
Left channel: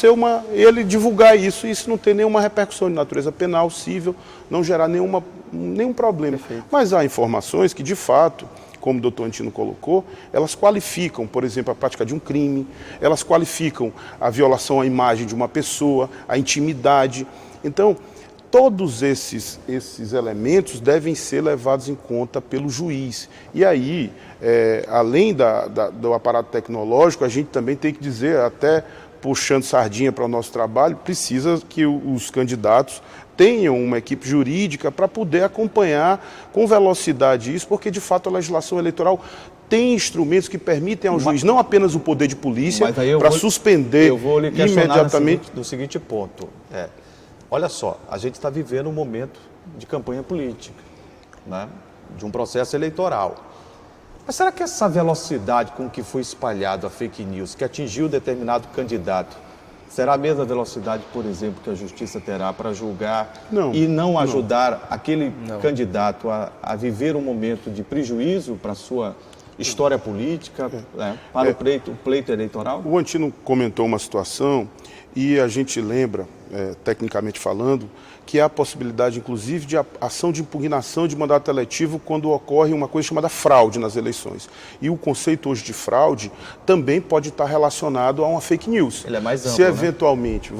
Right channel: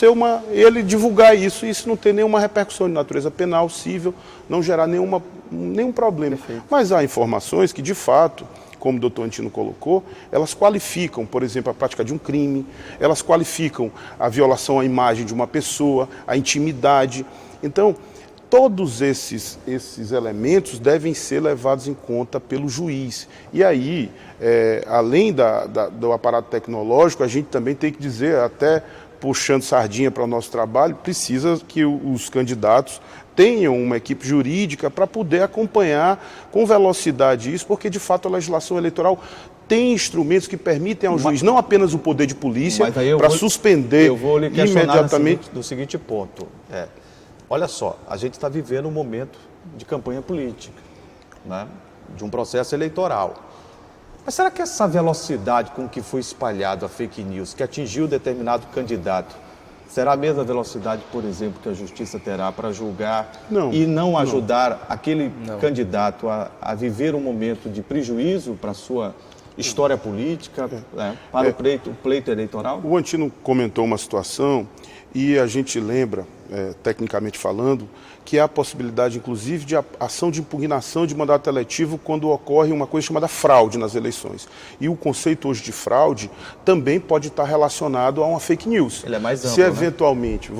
ele divulgar isso não tem nenhuma repercussão de natureza penal, civil, não gerar nenhum problema. Mas há informações que, de fato, como o doutor Antino colocou, elas qualificam, por exemplo, a prática de um crime, elas qualificam a violação à imagem de uma pessoa, a intimidade. Então, todos esses elementos devem ser levados em conta pelo juiz. E aí, além do aparato tecnológico, a gente também tem que dizer, até puxando sardinha para o nosso trabalho, precisa que os candidatos tenham uma equipe jurídica para poder acompanhar com velocidade isso, porque de fato a legislação eleitoral tem instrumentos que permitem ao juiz não apenas o poder de polícia para suspender imediatamente. Do seguinte ponto, olha só, a gente está vivendo um momento de campanha política, né, de um processo eleitoral. Mas será que essa velocidade com que foi espalhado a fake news, que atingiu determinado candidato, será a mesma velocidade, por exemplo, que a justiça terá para julgar e não ajudar aquele candidato a viver um momento de prejuízo para a sua história política, para o pleito eleitoral? O Antino comentou uma situação e a gente lembra, tecnicamente falando, que há a possibilidade, inclusive, de ação de impugnação de mandato eletivo quando ocorre uma coisa chamada fraude nas eleições. E o conceito hoje de fraude também pode estar relacionado a uma fake news. Ele é mais amplo, se eventualmente,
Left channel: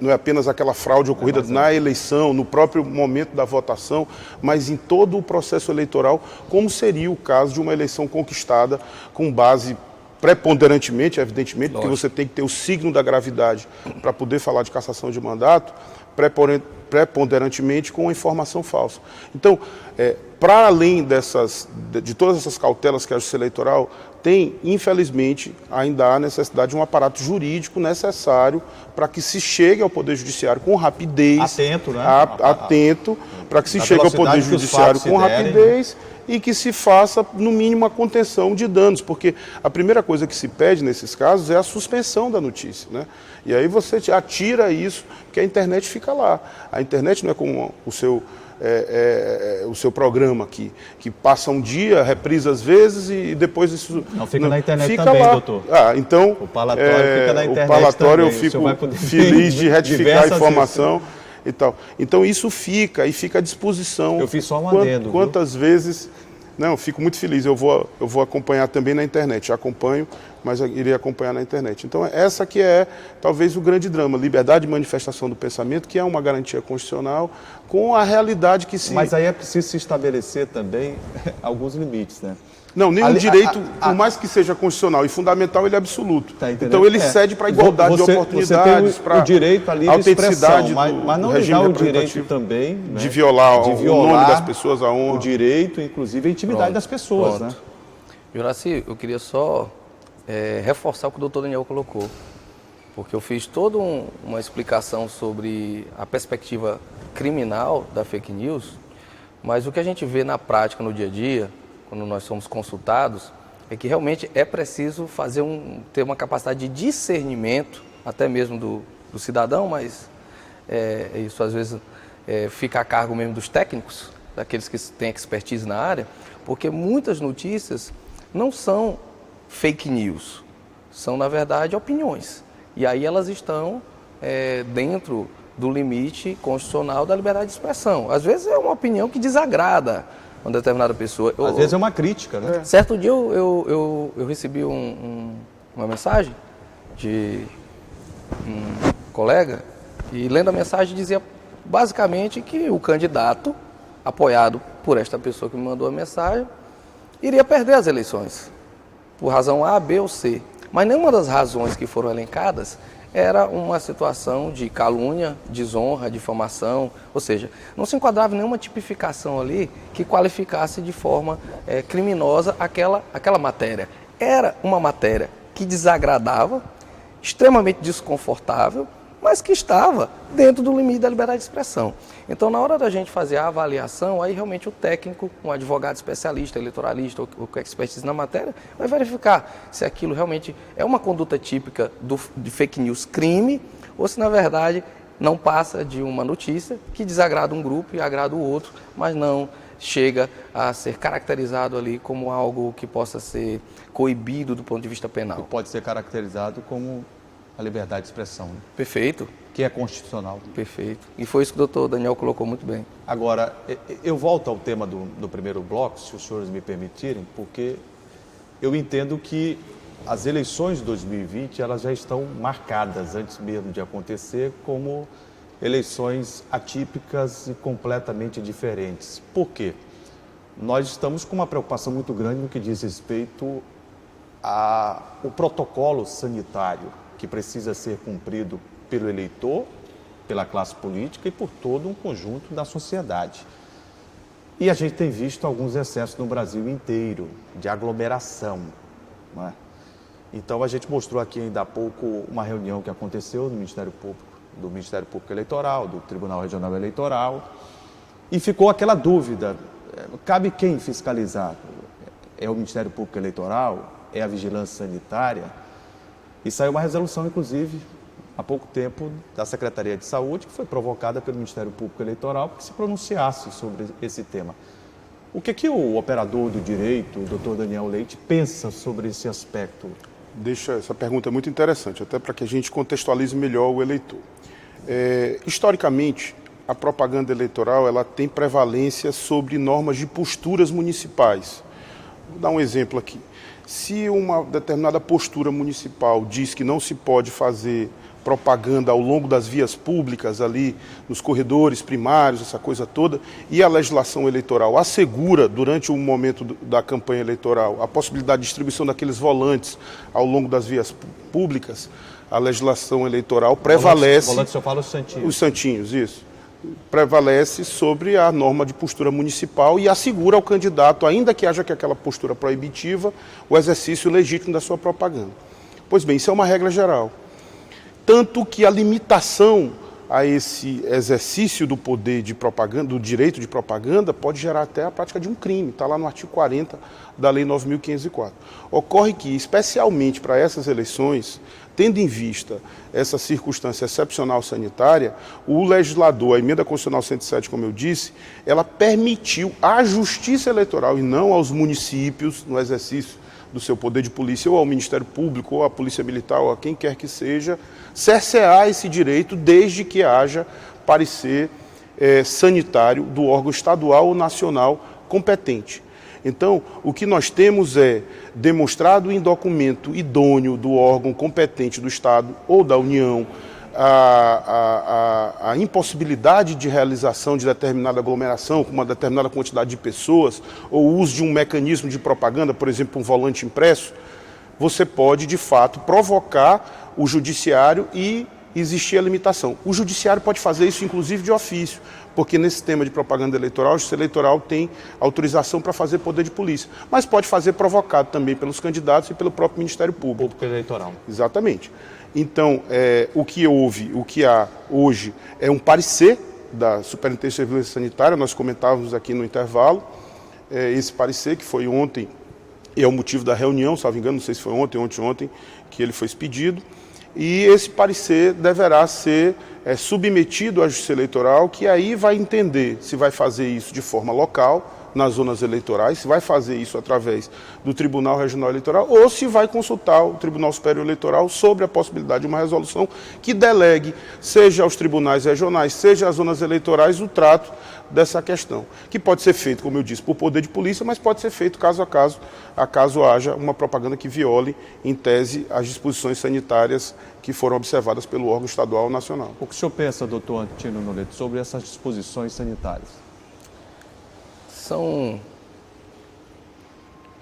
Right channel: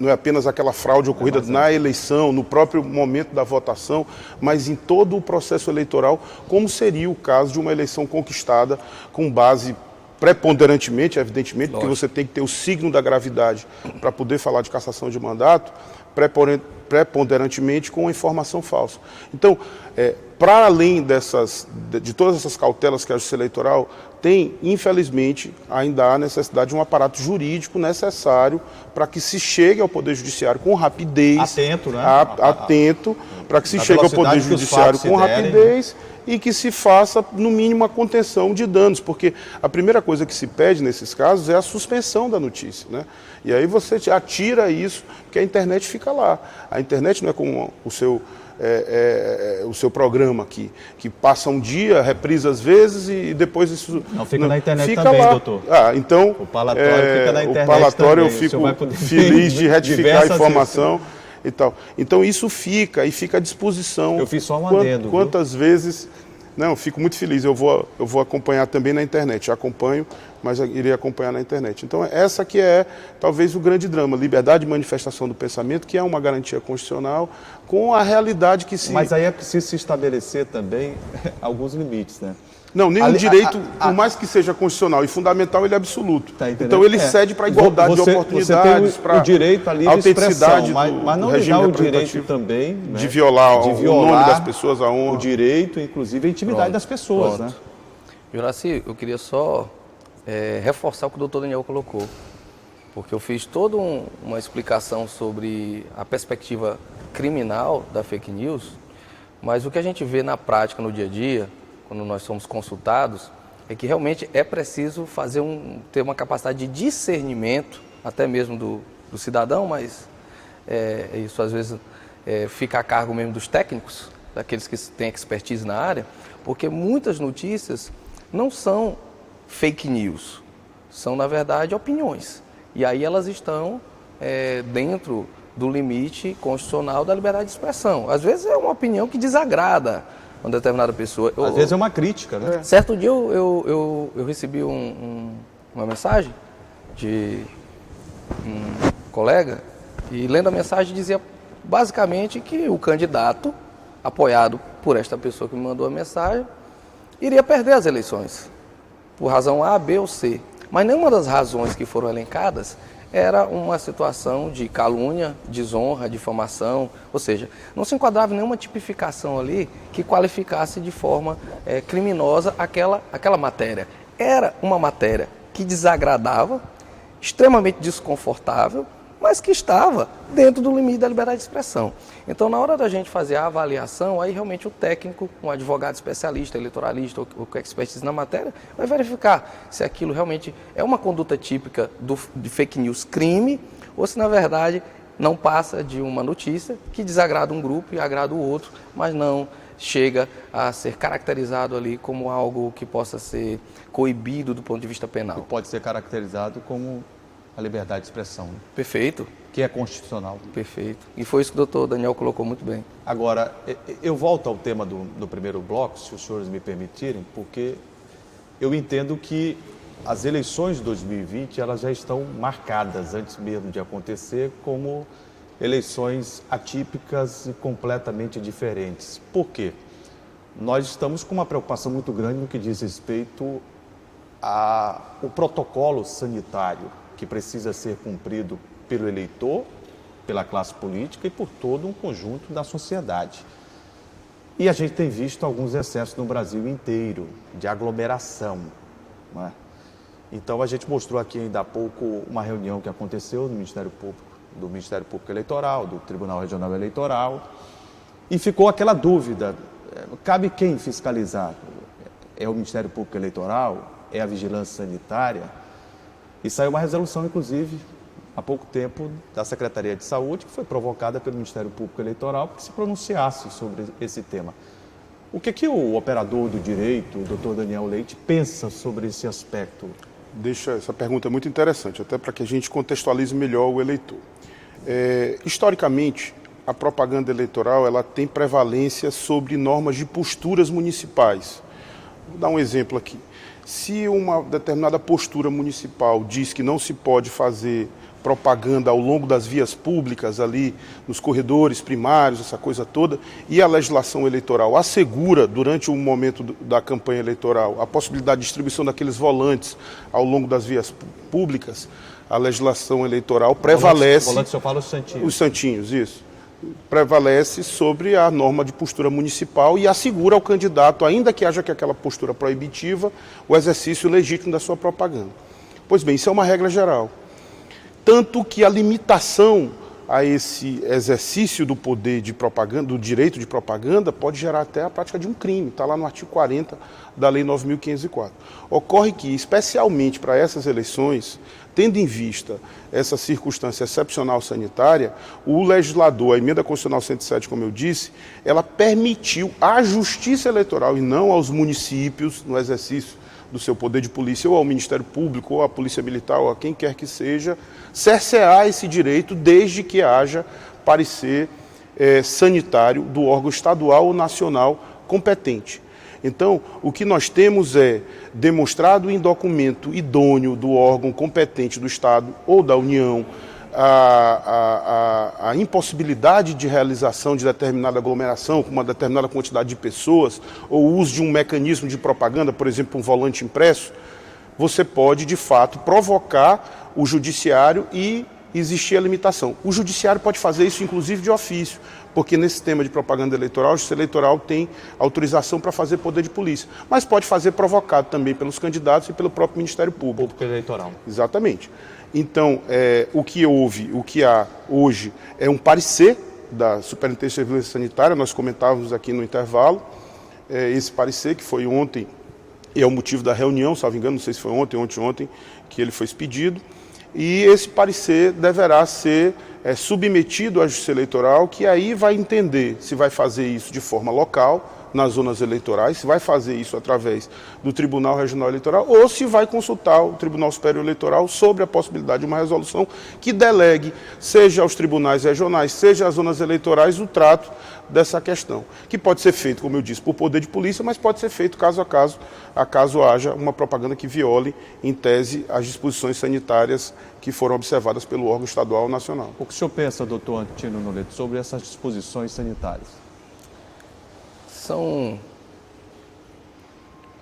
não é apenas aquela fraude ocorrida na eleição, no próprio momento da votação, mas em todo o processo eleitoral, como seria o caso de uma eleição conquistada com base preponderantemente, evidentemente, porque você tem que ter o signo da gravidade para poder falar de cassação de mandato, preponderantemente com informação falsa. Então, para além de todas essas cautelas que a Justiça Eleitoral tem, infelizmente, ainda há necessidade de um aparato jurídico necessário para que se chegue ao Poder Judiciário com rapidez. Atento, né? Atento, para que se chegue ao Poder Judiciário com rapidez e que se faça, no mínimo, a contenção de danos, porque a primeira coisa que se pede nesses casos é a suspensão da notícia, né? E aí você atira isso, que a internet fica lá. A internet não é como o seu o seu programa aqui, que passa um dia, reprisa às vezes e depois isso... Não, fica na internet fica também, lá. doutor. Então, O palatório fica na internet o palatório também. eu O senhor vai fico poder feliz de retificar a diversas informação e tal. Então isso fica à disposição. Eu fiz só um adendo. Quantas vezes... Não, eu fico muito feliz, eu vou acompanhar também na internet, já acompanho, mas eu irei acompanhar na internet. Então essa que é talvez o grande drama, liberdade de manifestação do pensamento, que é uma garantia constitucional, com a realidade que se... Mas aí é preciso se estabelecer também alguns limites, né? Não, nenhum direito, por mais que seja constitucional e fundamental, ele é absoluto. Tá, então ele cede para a igualdade de oportunidades, para o direito à livre autenticidade expressão, mas não negar o direito também, né, de violar o nome das pessoas, a honra. O direito, inclusive, a intimidade das pessoas. Né? Juraci, eu queria só reforçar o que o doutor Daniel colocou, porque eu fiz toda uma explicação sobre a perspectiva criminal da fake news, mas o que a gente vê na prática, no dia a dia, quando nós somos consultados, é que realmente é preciso ter uma capacidade de discernimento, até mesmo do cidadão, mas isso às vezes fica a cargo mesmo dos técnicos, daqueles que têm expertise na área, porque muitas notícias não são fake news, são na verdade opiniões. E aí elas estão dentro do limite constitucional da liberdade de expressão. Às vezes é uma opinião que desagrada uma determinada pessoa. Às vezes é uma crítica, né? Certo dia eu recebi uma mensagem de um colega e lendo a mensagem dizia basicamente que o candidato apoiado por esta pessoa que me mandou a mensagem iria perder as eleições por razão A, B ou C. Mas nenhuma das razões que foram elencadas era uma situação de calúnia, desonra, difamação, ou seja, não se enquadrava em nenhuma tipificação ali que qualificasse de forma criminosa aquela matéria. Era uma matéria que desagradava, extremamente desconfortável, mas que estava dentro do limite da liberdade de expressão. Então, na hora da gente fazer a avaliação, aí realmente o técnico, um advogado especialista, eleitoralista ou com expertise na matéria, vai verificar se aquilo realmente é uma conduta típica de fake news crime, ou se na verdade não passa de uma notícia que desagrada um grupo e agrada o outro, mas não chega a ser caracterizado ali como algo que possa ser coibido do ponto de vista penal. Pode ser caracterizado como a liberdade de expressão. Perfeito. Que é constitucional. Perfeito. E foi isso que o doutor Daniel colocou muito bem. Agora, eu volto ao tema do primeiro bloco, se os senhores me permitirem, porque eu entendo que as eleições de 2020 elas já estão marcadas, antes mesmo de acontecer, como eleições atípicas e completamente diferentes. Por quê? Nós estamos com uma preocupação muito grande no que diz respeito ao protocolo sanitário, que precisa ser cumprido pelo eleitor, pela classe política e por todo um conjunto da sociedade. E a gente tem visto alguns excessos no Brasil inteiro, de aglomeração, não é? Então a gente mostrou aqui ainda há pouco uma reunião que aconteceu no Ministério Público Eleitoral, do Tribunal Regional Eleitoral, e ficou aquela dúvida, cabe quem fiscalizar? É o Ministério Público Eleitoral? É a Vigilância Sanitária? E saiu uma resolução, inclusive, há pouco tempo, da Secretaria de Saúde, que foi provocada pelo Ministério Público Eleitoral, para que se pronunciasse sobre esse tema. O que o operador do direito, o doutor Daniel Leite, pensa sobre esse aspecto? Essa pergunta é muito interessante, até para que a gente contextualize melhor o eleitor. Historicamente, a propaganda eleitoral ela tem prevalência sobre normas de posturas municipais. Vou dar um exemplo aqui. Se uma determinada postura municipal diz que não se pode fazer propaganda ao longo das vias públicas ali, nos corredores primários, essa coisa toda, e a legislação eleitoral assegura, durante o momento da campanha eleitoral, a possibilidade de distribuição daqueles volantes ao longo das vias públicas, a legislação eleitoral prevalece... Volantes, eu falo os santinhos. Os santinhos, isso. Prevalece sobre a norma de postura municipal e assegura ao candidato, ainda que haja aquela postura proibitiva, o exercício legítimo da sua propaganda. Pois bem, isso é uma regra geral. Tanto que a limitação a esse exercício do poder de propaganda, do direito de propaganda, pode gerar até a prática de um crime, está lá no artigo 40 da Lei 9.504. Ocorre que, especialmente para essas eleições, tendo em vista essa circunstância excepcional sanitária, o legislador, a emenda constitucional 107, como eu disse, ela permitiu à Justiça Eleitoral e não aos municípios, no exercício do seu poder de polícia, ou ao Ministério Público, ou à Polícia Militar, ou a quem quer que seja, cercear esse direito desde que haja parecer sanitário do órgão estadual ou nacional competente. Então, o que nós temos é demonstrado em documento idôneo do órgão competente do Estado ou da União a impossibilidade de realização de determinada aglomeração com uma determinada quantidade de pessoas ou o uso de um mecanismo de propaganda, por exemplo, um volante impresso, você pode, de fato, provocar o judiciário e existir a limitação. O judiciário pode fazer isso, inclusive, de ofício, porque nesse tema de propaganda eleitoral, a Justiça Eleitoral tem autorização para fazer poder de polícia, mas pode fazer provocado também pelos candidatos e pelo próprio Ministério Público. Eleitoral. Exatamente. Então, o que há hoje é um parecer da Superintendência de Vigilância Sanitária, nós comentávamos aqui no intervalo, esse parecer que foi ontem, e é o motivo da reunião, salvo engano, não sei se foi ontem, que ele foi expedido, e esse parecer deverá ser submetido à Justiça Eleitoral, que aí vai entender se vai fazer isso de forma local, nas zonas eleitorais, se vai fazer isso através do Tribunal Regional Eleitoral ou se vai consultar o Tribunal Superior Eleitoral sobre a possibilidade de uma resolução que delegue, seja aos tribunais regionais, seja às zonas eleitorais, o trato dessa questão. Que pode ser feito, como eu disse, por poder de polícia, mas pode ser feito caso a caso haja uma propaganda que viole, em tese, as disposições sanitárias que foram observadas pelo órgão estadual ou nacional. O que o senhor pensa, doutor Antino Noleto, sobre essas disposições sanitárias? São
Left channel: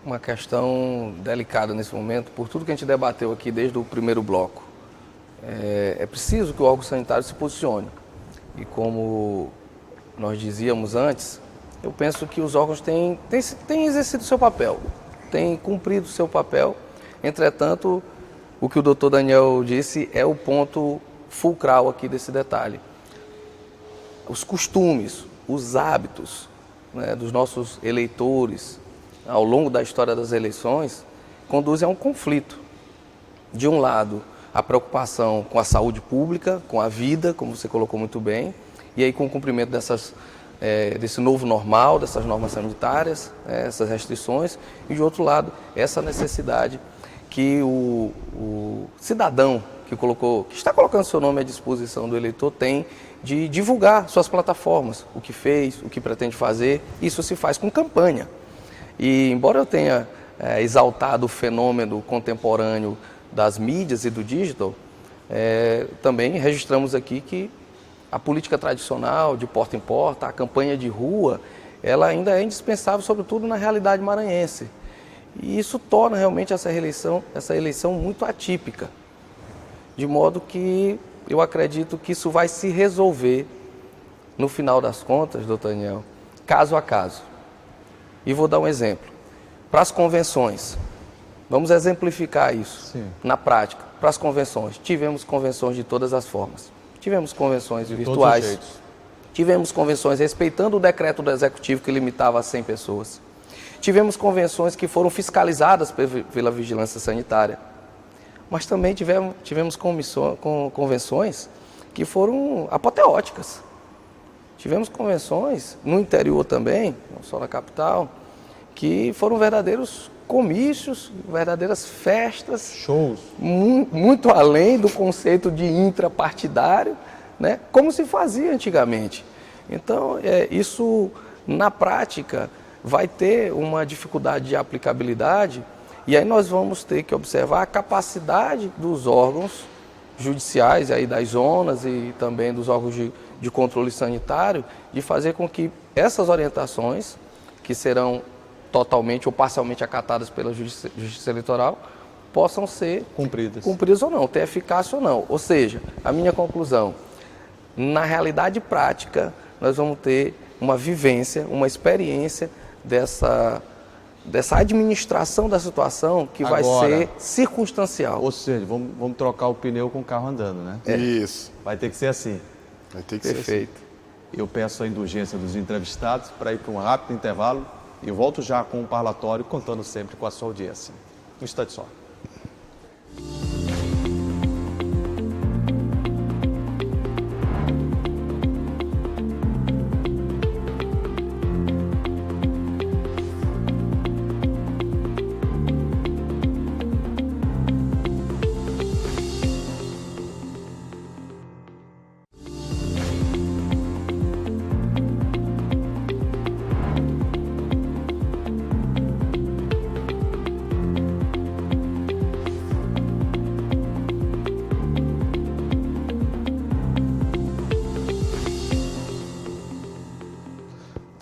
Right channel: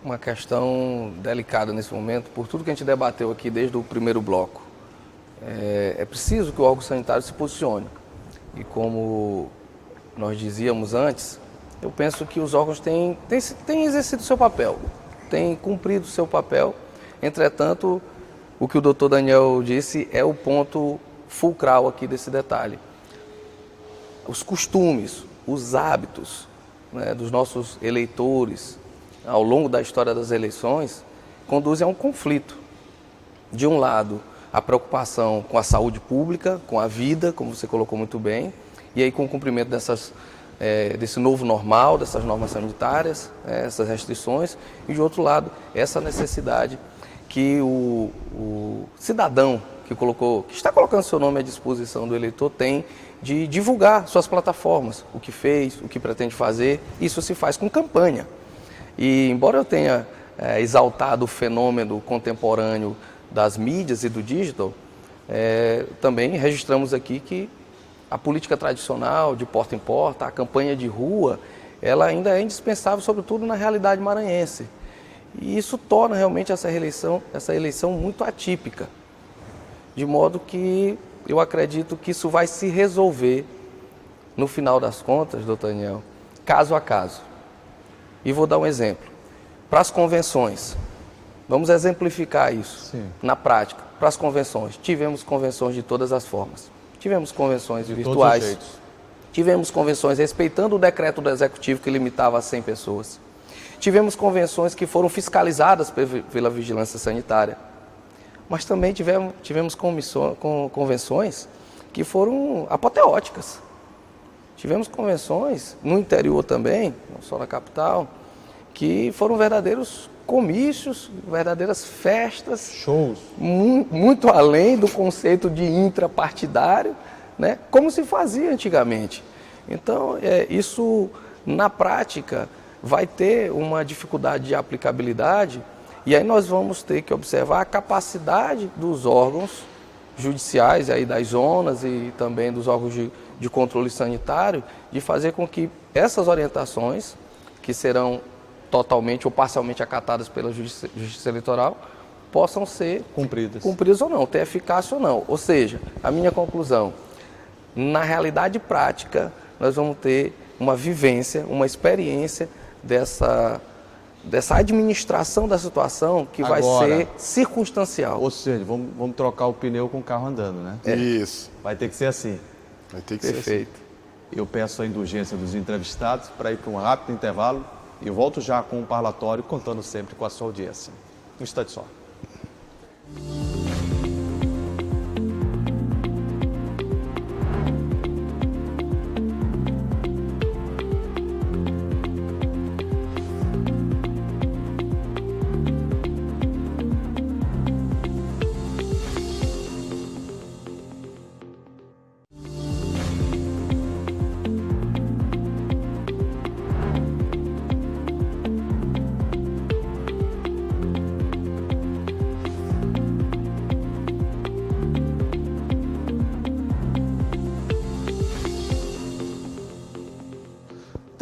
uma questão delicada nesse momento, por tudo que a gente debateu aqui desde o primeiro bloco. É preciso que o órgão sanitário se posicione. E como nós dizíamos antes, eu penso que os órgãos têm exercido o seu papel, têm cumprido o seu papel. Entretanto, o que o doutor Daniel disse é o ponto fulcral aqui desse detalhe. Os costumes, os hábitos, né, dos nossos eleitores ao longo da história das eleições conduzem a um conflito. De um lado, a preocupação com a saúde pública, com a vida, como você colocou muito bem, e aí com o cumprimento desse novo normal, dessas normas sanitárias, essas restrições, e de outro lado, essa necessidade que o cidadão que está colocando seu nome à disposição do eleitor tem de divulgar suas plataformas, o que fez, o que pretende fazer. Isso se faz com campanha. E embora eu tenha exaltado o fenômeno contemporâneo das mídias e do digital, também registramos aqui que a política tradicional de porta em porta, a campanha de rua, ela ainda é indispensável, sobretudo na realidade maranhense. E isso torna realmente essa eleição muito atípica. De modo que eu acredito que isso vai se resolver, no final das contas, doutor Daniel, caso a caso. E vou dar um exemplo. Para as convenções, vamos exemplificar isso na prática. Para as convenções, tivemos convenções de todas as formas. Tivemos convenções virtuais, tivemos convenções respeitando o decreto do Executivo que limitava a 100 pessoas. Tivemos convenções que foram fiscalizadas pela Vigilância Sanitária. Mas também tivemos convenções que foram apoteóticas. Tivemos convenções no interior também, não só na capital, que foram verdadeiros comícios, verdadeiras festas. Shows. Muito além do conceito de intrapartidário, né, como se fazia antigamente. Então, isso, na prática, vai ter uma dificuldade de aplicabilidade. E aí nós vamos ter que observar a capacidade dos órgãos judiciais, aí das zonas e também dos órgãos de controle sanitário, de fazer com que essas orientações, que serão totalmente ou parcialmente acatadas pela Justiça Eleitoral, possam ser cumpridas ou não, ter eficácia ou não. Ou seja, a minha conclusão, na realidade prática, nós vamos ter uma vivência, uma experiência dessa administração da situação que vai ser circunstancial. Ou seja, vamos trocar o pneu com o carro andando, né? Isso. Vai ter que ser assim. Vai ter que ser assim. Perfeito. Eu peço a indulgência dos entrevistados para ir para um rápido intervalo e eu volto já com o parlatório, contando sempre com a sua audiência. Um instante só.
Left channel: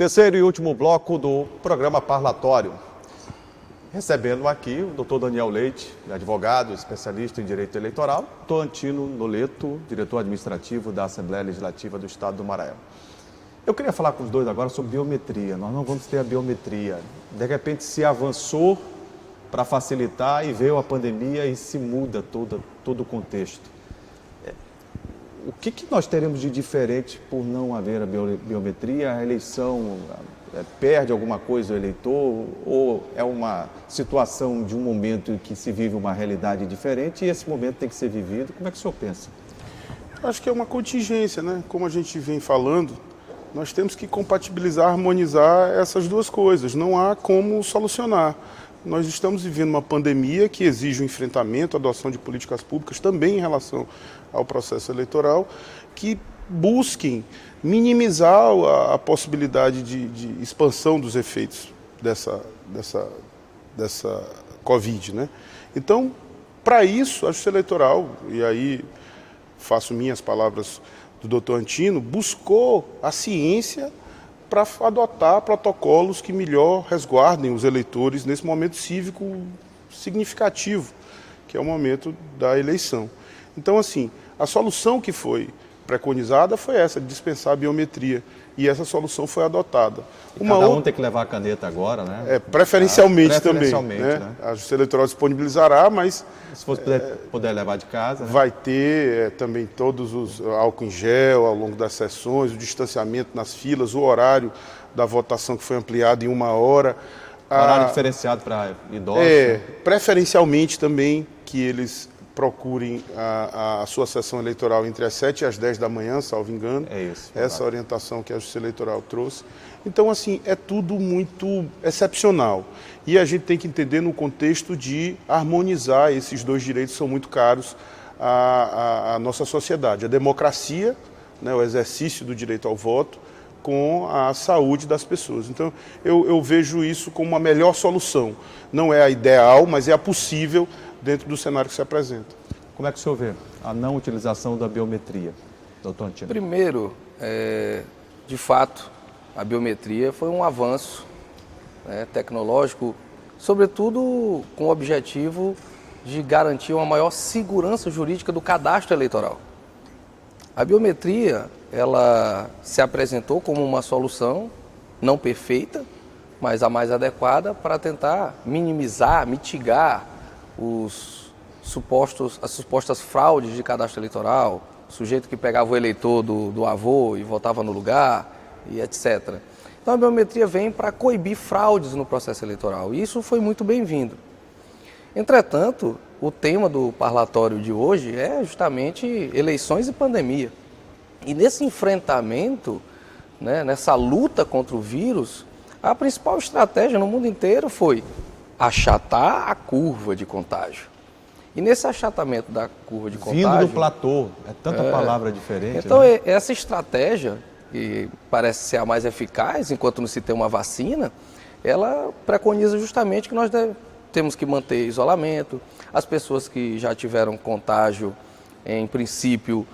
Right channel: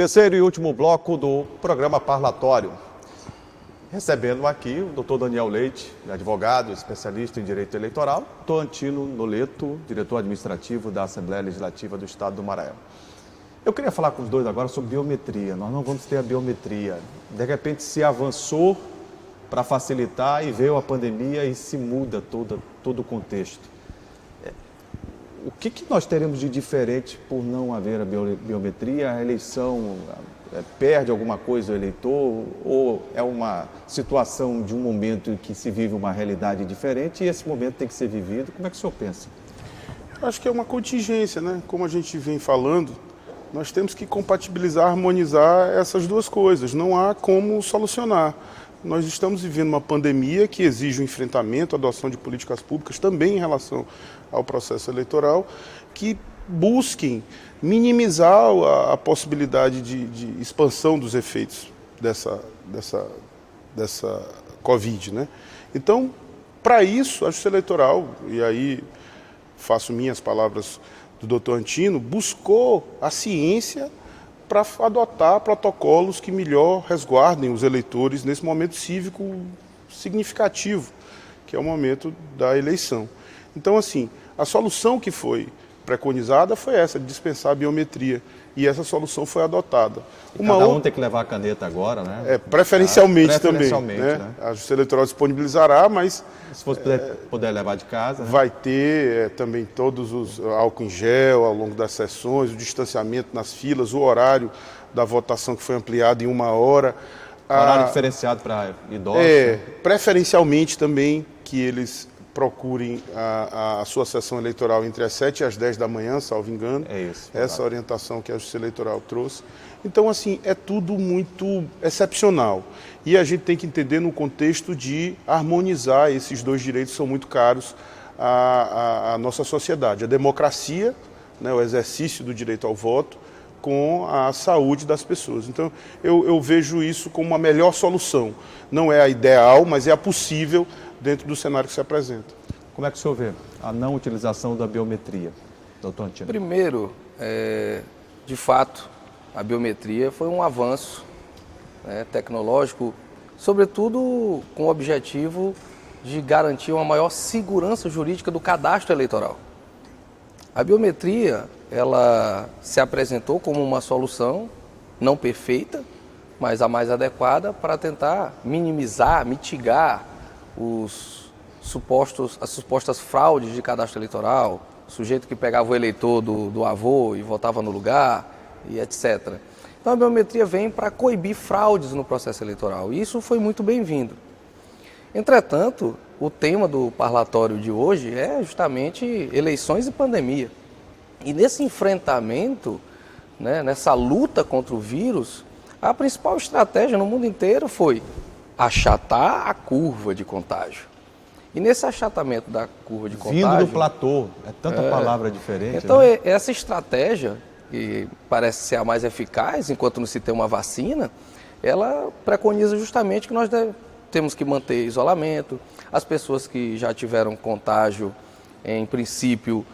Terceiro e último bloco do programa parlatório. Recebendo aqui o doutor Daniel Leite, advogado, especialista em direito eleitoral, doutor Antino Noleto, diretor administrativo da Assembleia Legislativa do Estado do Maranhão. Eu queria falar com os dois agora sobre biometria. Nós não vamos ter a biometria. De repente se avançou para facilitar e veio a pandemia e se muda todo o contexto. O que nós teremos de diferente por não haver a biometria? A eleição perde alguma coisa o eleitor ou é uma situação de um momento em que se vive uma realidade diferente e esse momento tem que ser vivido? Como é que o senhor pensa? Eu acho que é uma contingência, né? Como a gente vem falando, nós temos que compatibilizar, harmonizar essas duas coisas. Não há como solucionar. Nós estamos vivendo uma pandemia que exige o enfrentamento, a adoção de políticas públicas também em relação ao processo eleitoral, que busquem minimizar a possibilidade de expansão dos efeitos dessa Covid, né? Então, para isso, a Justiça Eleitoral, e aí faço minhas palavras do doutor Antino, buscou a ciência para adotar protocolos que melhor resguardem os eleitores nesse momento cívico significativo, que é o momento da eleição. Então, assim, a solução que foi preconizada foi essa, de dispensar a biometria, e essa solução foi adotada. Cada um tem que levar a caneta agora, né? Preferencialmente também, né? A Justiça Eleitoral disponibilizará, mas se fosse puder levar de casa. Vai ter também todos os álcool em gel ao longo das sessões, o distanciamento nas filas, o horário da votação que foi ampliado em 1 hora. Horário diferenciado para idosos. Preferencialmente também que eles procurem a sua sessão eleitoral entre as 7 e as 10 da manhã, salvo engano. É isso. Essa orientação que a Justiça Eleitoral trouxe. Então, assim, é tudo muito excepcional. E a gente tem que entender no contexto de harmonizar esses dois direitos que são muito caros à nossa sociedade. A democracia, né, o exercício do direito ao voto, com a saúde das pessoas. Então, eu vejo isso como a melhor solução. Não é a ideal, mas é a possível dentro do cenário que se apresenta. Como é que o senhor vê a não utilização da biometria, doutor Antino? Primeiro, de fato, a biometria foi um avanço, né, tecnológico, sobretudo com o objetivo de garantir uma maior segurança jurídica do cadastro eleitoral. A biometria, ela se apresentou como uma solução não perfeita, mas a mais adequada para tentar minimizar, mitigar as supostas fraudes de cadastro eleitoral, o sujeito que pegava o eleitor do avô e votava no lugar, e etc. Então a biometria vem para coibir fraudes no processo eleitoral, e isso foi muito bem-vindo. Entretanto, o tema do parlatório de hoje é justamente eleições e pandemia. E nesse enfrentamento, né, nessa luta contra o vírus, a principal estratégia no mundo inteiro foi achatar a curva de contágio. E nesse achatamento da curva de contágio... Vindo do platô, é tanta palavra diferente. Então, né? Essa estratégia, que parece ser a mais eficaz, enquanto não se tem uma vacina, ela preconiza justamente que nós temos que manter isolamento. As pessoas que já tiveram contágio, em princípio,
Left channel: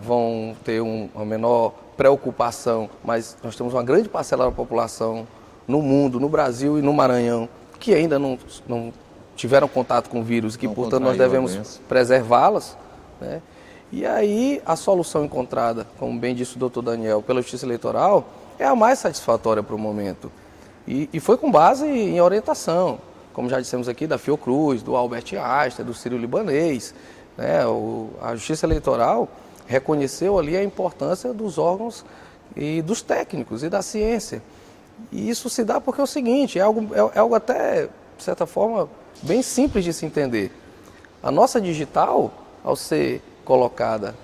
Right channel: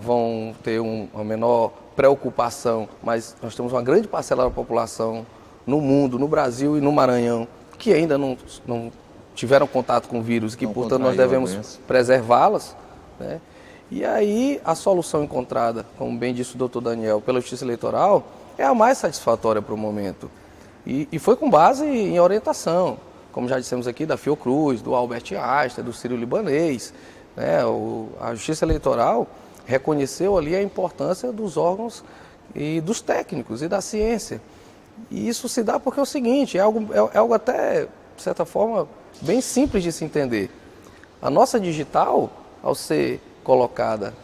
vão ter uma menor preocupação, mas nós temos uma grande parcela da população no mundo, no Brasil e no Maranhão, que ainda não tiveram contato com o vírus, que, portanto, nós devemos preservá-las, né? E aí, a solução encontrada, como bem disse o doutor Daniel, pela Justiça Eleitoral, é a mais satisfatória para o momento. E foi com base em orientação, como já dissemos aqui, da Fiocruz, do Albert Einstein, do Sírio-Libanês, né? A Justiça Eleitoral reconheceu ali a importância dos órgãos e dos técnicos e da ciência. E isso se dá porque é o seguinte, é algo até, de certa forma, bem simples de se entender. A nossa digital, ao ser colocada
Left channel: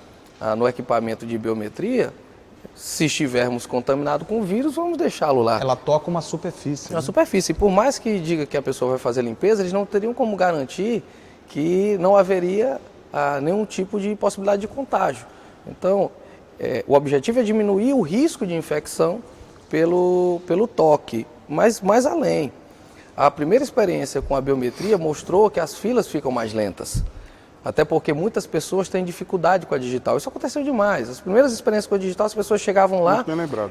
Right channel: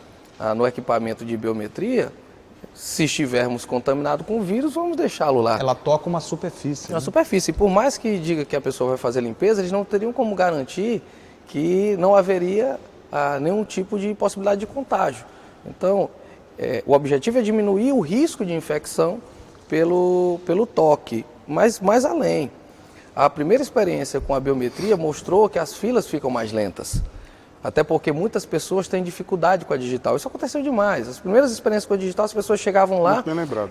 no equipamento de biometria, se estivermos contaminados com o vírus, vamos deixá-lo lá. Ela toca uma superfície. Uma superfície. Por mais que diga que a pessoa vai fazer limpeza, eles não teriam como garantir que não haveria nenhum tipo de possibilidade de contágio. Então, o objetivo é diminuir o risco de infecção pelo toque, mas mais além. A primeira experiência com a biometria mostrou que as filas ficam mais lentas. Até porque muitas pessoas têm dificuldade com a digital. Isso aconteceu demais. As primeiras experiências com a digital, as pessoas chegavam lá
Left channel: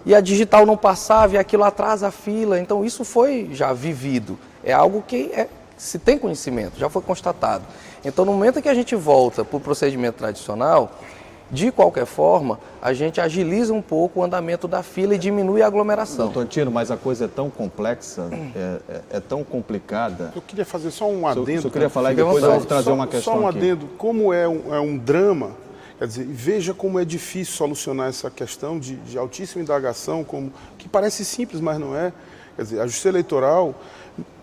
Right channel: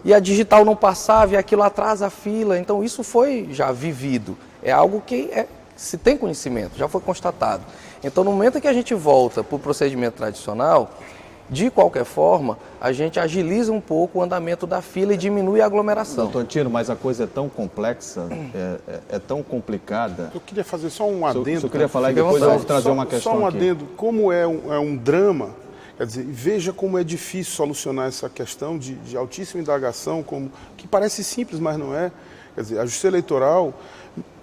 e a digital não passava e aquilo atrasa a fila. Então isso foi já vivido. É algo que se tem conhecimento, já foi constatado. Então no momento que a gente volta para o procedimento tradicional, de qualquer forma, a gente agiliza um pouco o andamento da fila e diminui a aglomeração. Doutor Tino, mas a coisa é tão complexa, é tão complicada. Eu queria fazer só um adendo. Eu queria falar e depois eu vou trazer uma questão Só um aqui. adendo. Como é um drama, quer dizer, veja como é difícil solucionar essa questão de altíssima indagação, que parece simples, mas não é. Quer dizer, a Justiça Eleitoral